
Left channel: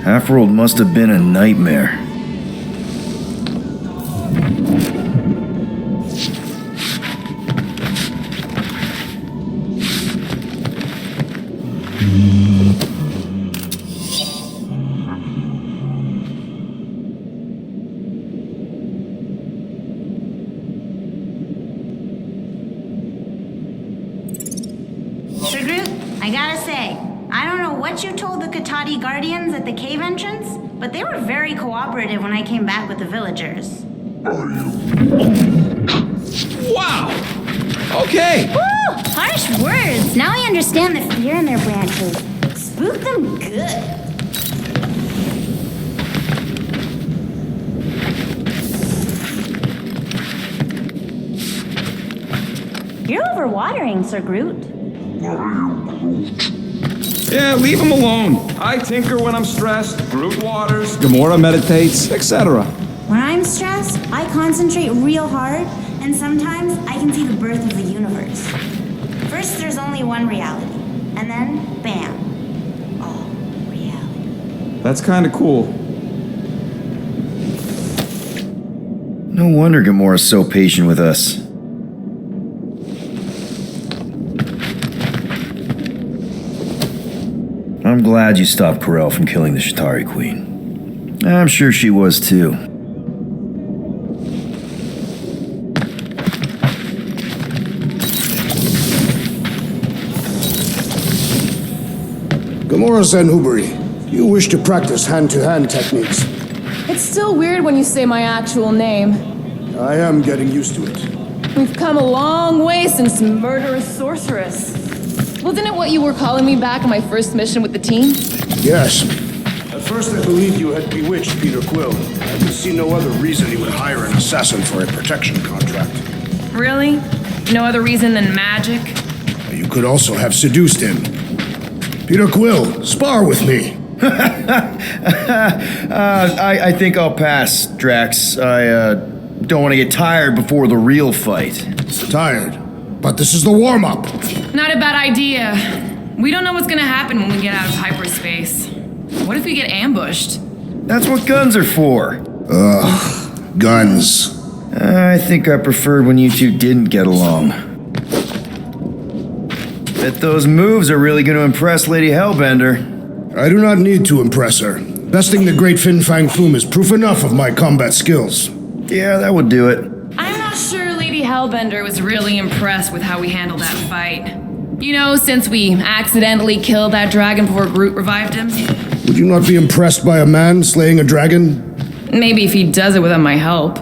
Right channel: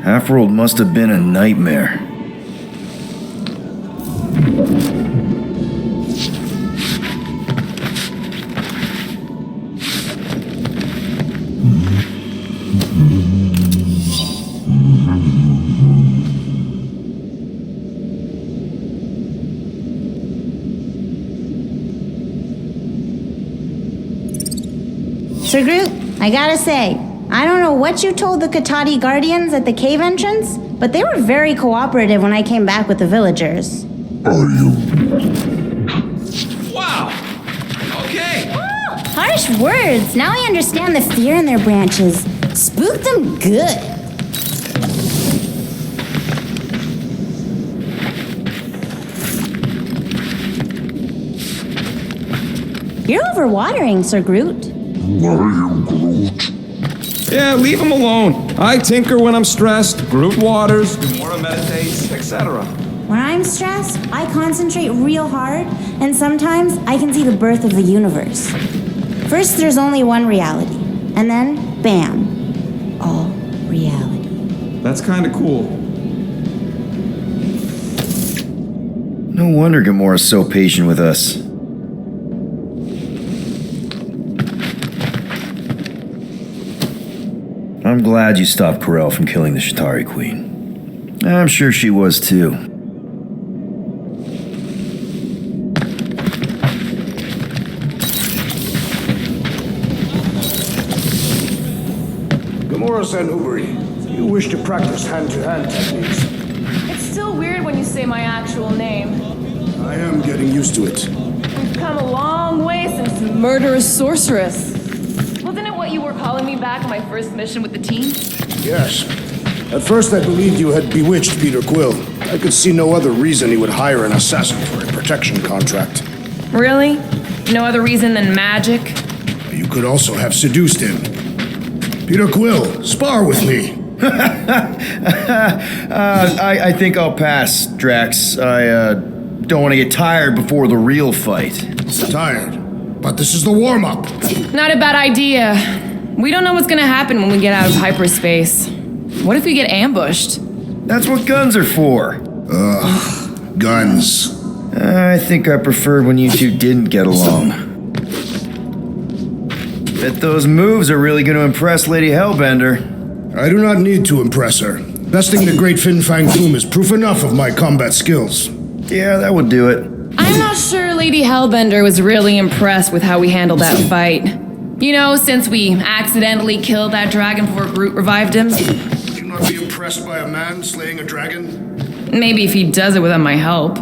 Half-World must have been a nightmare. Sir Groot, I gotta say, I don't know what you told the Katati Guardians at the cave entrance, but they were very cooperative when I came back with the villagers. Wow! Okay. Woo! Harsh words. Now I understand the fear in their branches. Spook them good. You're overwatering, Sir Groot. Yeah, leave him alone. I tinker when I'm stressed, Groot waters, Gamora meditates, etc. When I'm stressed, I concentrate real hard, and sometimes I can see the birth of the universe. First, there's only one reality, and then, bam, all reality. That's kind of cool. No wonder Gamora's so patient with us. I'm glad you stopped Corel from killing the Shatari Queen. I'm sure she was too. Gamora Zenhuberi, you wish to practice hand-to-hand techniques. It's still weird when you say my actual name. I am getting used to it. We've come a long way since murderous sorceress. Wasn't it what you were calling me back on my first mission with the team? Yes. At first I believed you had bewitched Peter Quill. I could see no other reason he would hire an assassin for a protection contract. Really? No other reason than magic? You could also have seduced him. Peter Quill, spar with me. I think I'll pass, Drax. I don't want to get tired before the real fight. Tired. But this is the warm-up. Not a bad idea. We don't know what's gonna happen when we get out of hyperspace. What if we get ambushed? That's what guns are for. Ugh, guns. I think I preferred when you two didn't get along. Bet those moves are really going to impress Lady Hellbender. I do not need to impress her. Besting the great Fin Fang Foom is proof enough of my combat skills. Yeah, that would do it. I'm not sure Lady Hellbender was really impressed with how we handled that fight. You know, since we accidentally killed that dragon before Groot revived him. Would you not be impressed by a man slaying a dragon? Maybe if he does it without my help.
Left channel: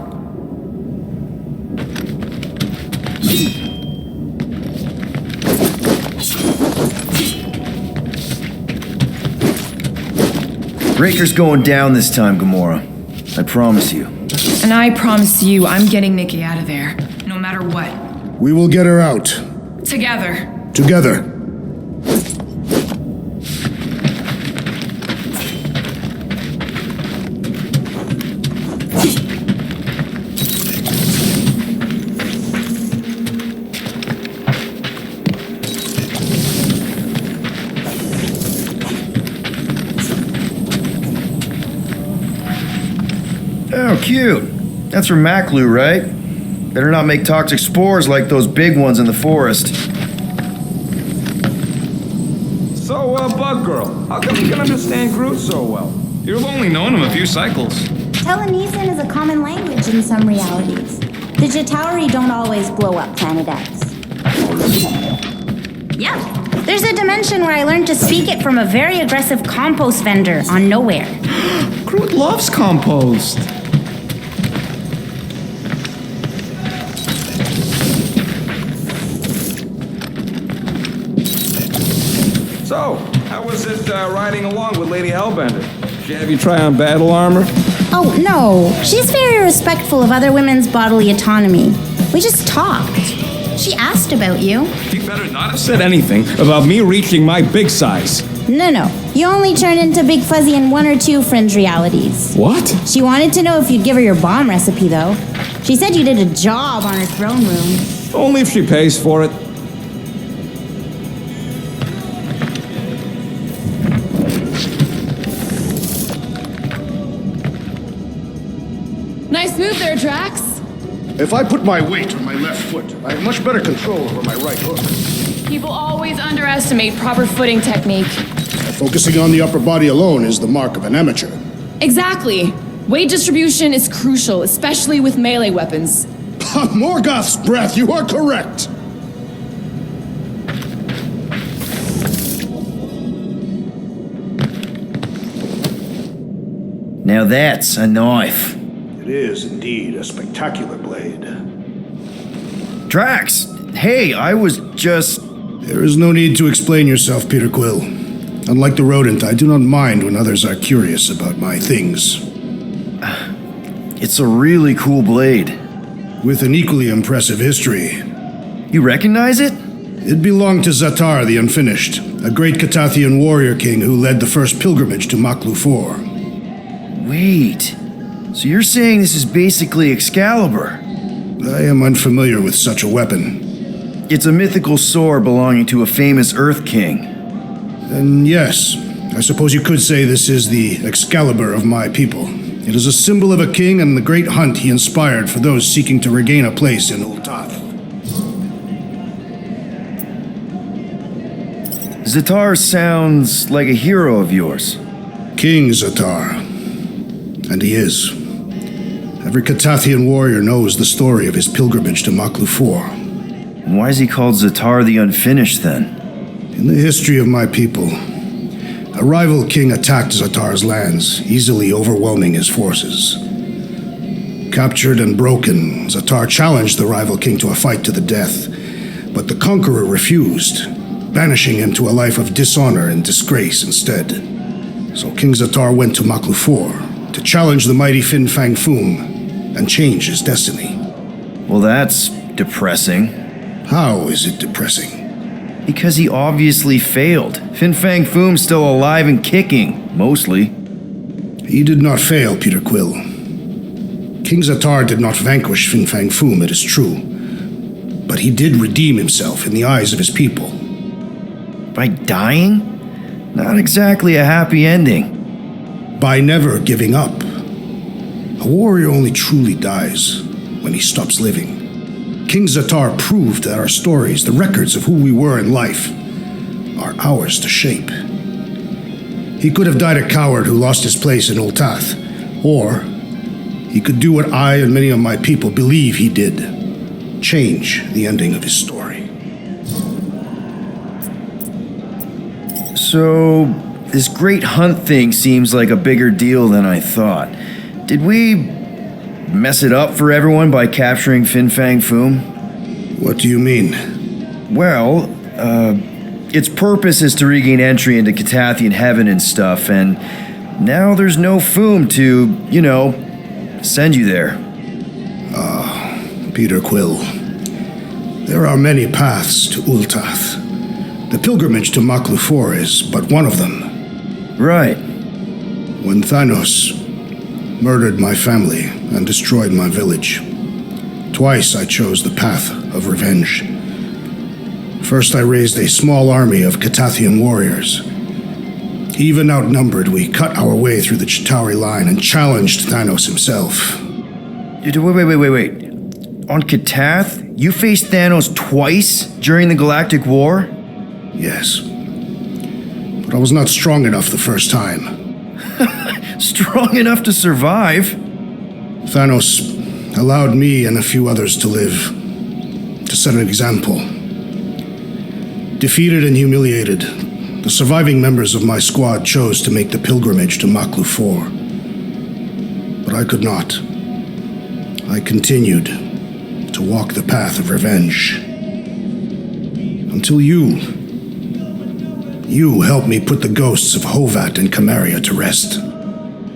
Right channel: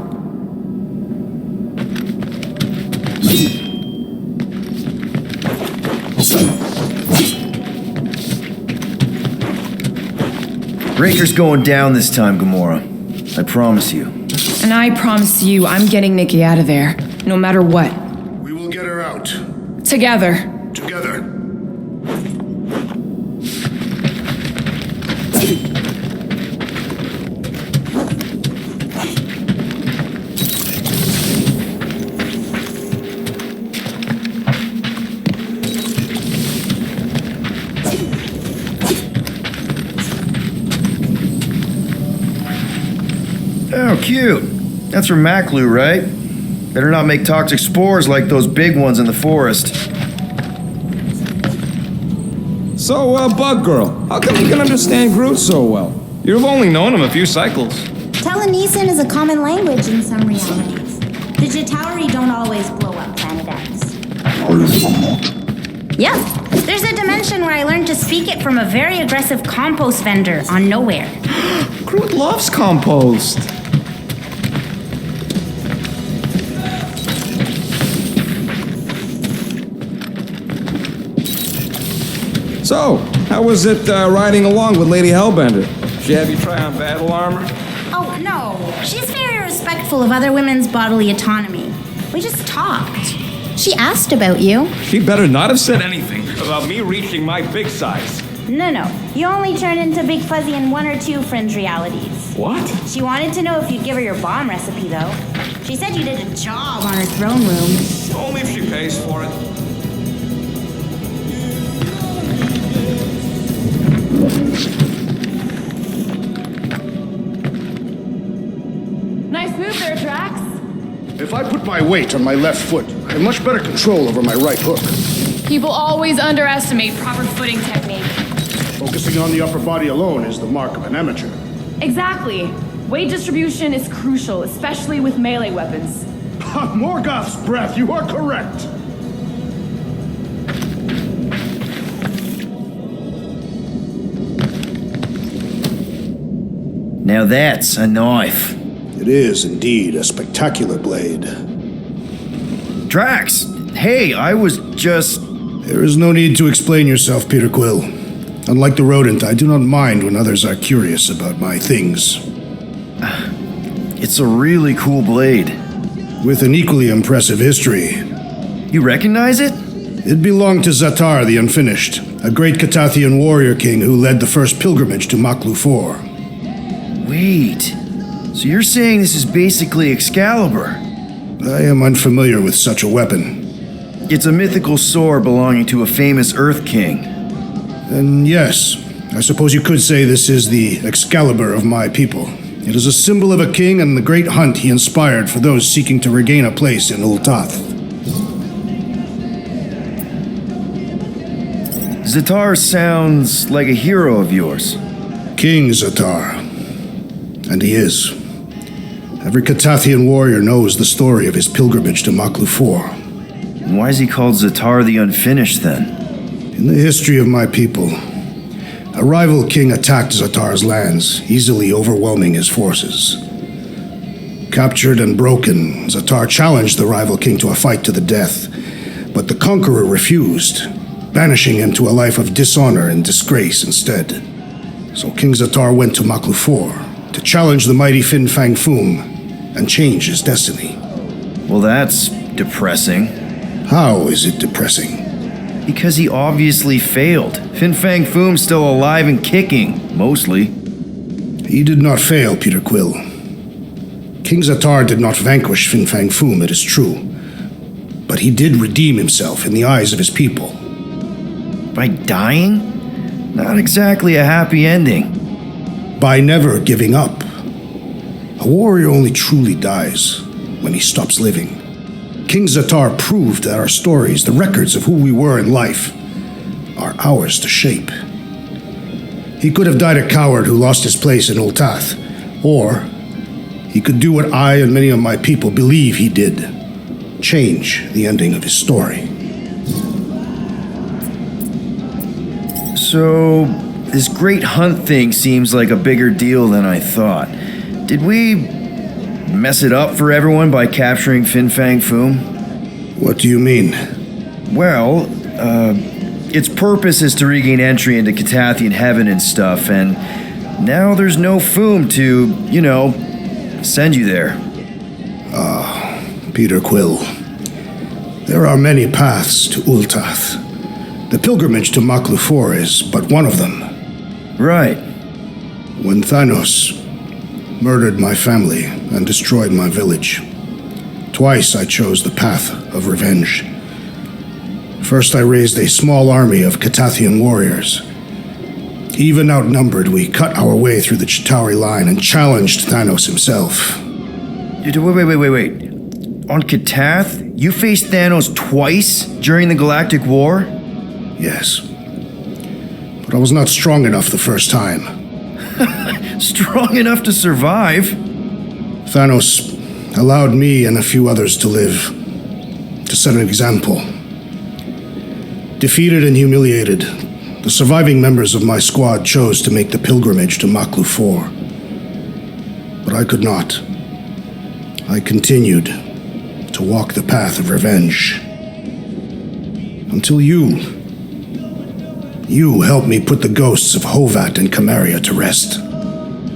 Breaker's going down this time, Gamora. I promise you. And I promise you, I'm getting Nikki out of there, no matter what. We will get her out. Together. Together. Oh, cute. That's from Maklu, right? Better not make toxic spores like those big ones in the forest. So, Buckgirl, how come you can understand Groot so well? You've only known him a few cycles. Telenesin is a common language in some realities. The Jatauri don't always blow up Planet X. Yep. There's a dimension where I learned to speak it from a very aggressive compost vendor on Nowhere. Groot loves compost. So, how was it riding along with Lady Hellbender? Did she have you try on battle armor? Oh, no. She's very respectful of other women's bodily autonomy. We just talked. She asked about you. She better not have said anything about me reaching my big size. No. You only turn into Big Fuzzy in one or two fringe realities. What? She wanted to know if you'd give her your bomb recipe, though. She said you did a job on her throne room. Only if she pays for it. Nice move there, Drax. If I put my weight on my left foot, I have much better control over my right hook. People always underestimate proper footing technique. Focusing on the upper body alone is the mark of an amateur. Exactly. Weight distribution is crucial, especially with melee weapons. Morgoth's breath, you are correct. Now that's a knife. It is indeed a spectacular blade. Drax! Hey, I was just... There is no need to explain yourself, Peter Quill. Unlike the rodent, I do not mind when others are curious about my things. It's a really cool blade. With an equally impressive history. You recognize it? It belonged to Zatar the Unfinished, a great Catathian warrior king who led the first pilgrimage to Maklu 4. Wait. So you're saying this is basically Excalibur? I am unfamiliar with such a weapon. It's a mythical sword belonging to a famous Earth King. And yes, I suppose you could say this is the Excalibur of my people. It is a symbol of a king and the great hunt he inspired for those seeking to regain a place in Ultath. Zatar sounds like a hero of yours. King Zatar. And he is. Every Catathian warrior knows the story of his pilgrimage to Maklufor. Why is he called Zatar the Unfinished then? In the history of my people, a rival king attacked Zatar's lands, easily overwhelming his forces. Captured and broken, Zatar challenged the rival king to a fight to the death, but the conqueror refused, banishing him to a life of dishonor and disgrace instead. So King Zatar went to Maklufor to challenge the mighty Fin Fang Foom and change his destiny. Well, that's depressing. How is it depressing? Because he obviously failed. Fin Fang Foom's still alive and kicking, mostly. He did not fail, Peter Quill. King Zatar did not vanquish Fin Fang Foom, it is true. But he did redeem himself in the eyes of his people. By dying? Not exactly a happy ending. By never giving up. A warrior only truly dies when he stops living. King Zatar proved that our stories, the records of who we were in life, are ours to shape. He could have died a coward who lost his place in Ultath, or he could do what I and many of my people believe he did, change the ending of his story. So, this great hunt thing seems like a bigger deal than I thought. Did we mess it up for everyone by capturing Fin Fang Foom? What do you mean? Well, its purpose is to regain entry into Catathian heaven and stuff, and now there's no Foom to, send you there. Peter Quill. There are many paths to Ultath. The pilgrimage to Maklufor is but one of them. Right. When Thanos murdered my family and destroyed my village, twice I chose the path of revenge. First, I raised a small army of Catathian warriors. Even outnumbered, we cut our way through the Chitauri line and challenged Thanos himself. Wait. On Catath, you faced Thanos twice during the Galactic War? Yes. But I was not strong enough the first time. Strong enough to survive? Thanos allowed me and a few others to live, to set an example. Defeated and humiliated, the surviving members of my squad chose to make the pilgrimage to Maklufor. But I could not. I continued to walk the path of revenge. Until you helped me put the ghosts of Hovat and Camaria to rest.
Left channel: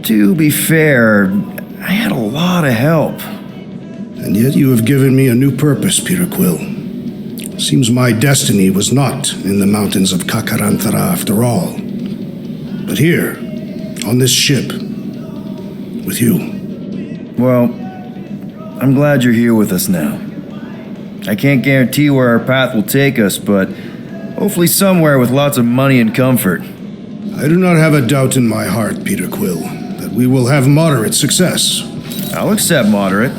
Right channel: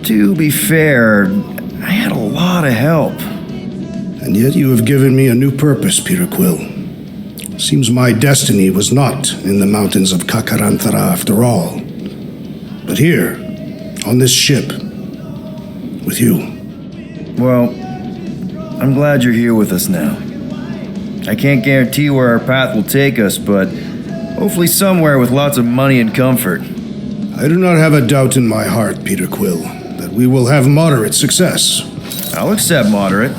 To be fair, I had a lot of help. And yet you have given me a new purpose, Peter Quill. Seems my destiny was not in the mountains of Kakarantara after all, but here, on this ship, with you. Well, I'm glad you're here with us now. I can't guarantee where our path will take us, but hopefully somewhere with lots of money and comfort. I do not have a doubt in my heart, Peter Quill, that we will have moderate success. I'll accept moderate.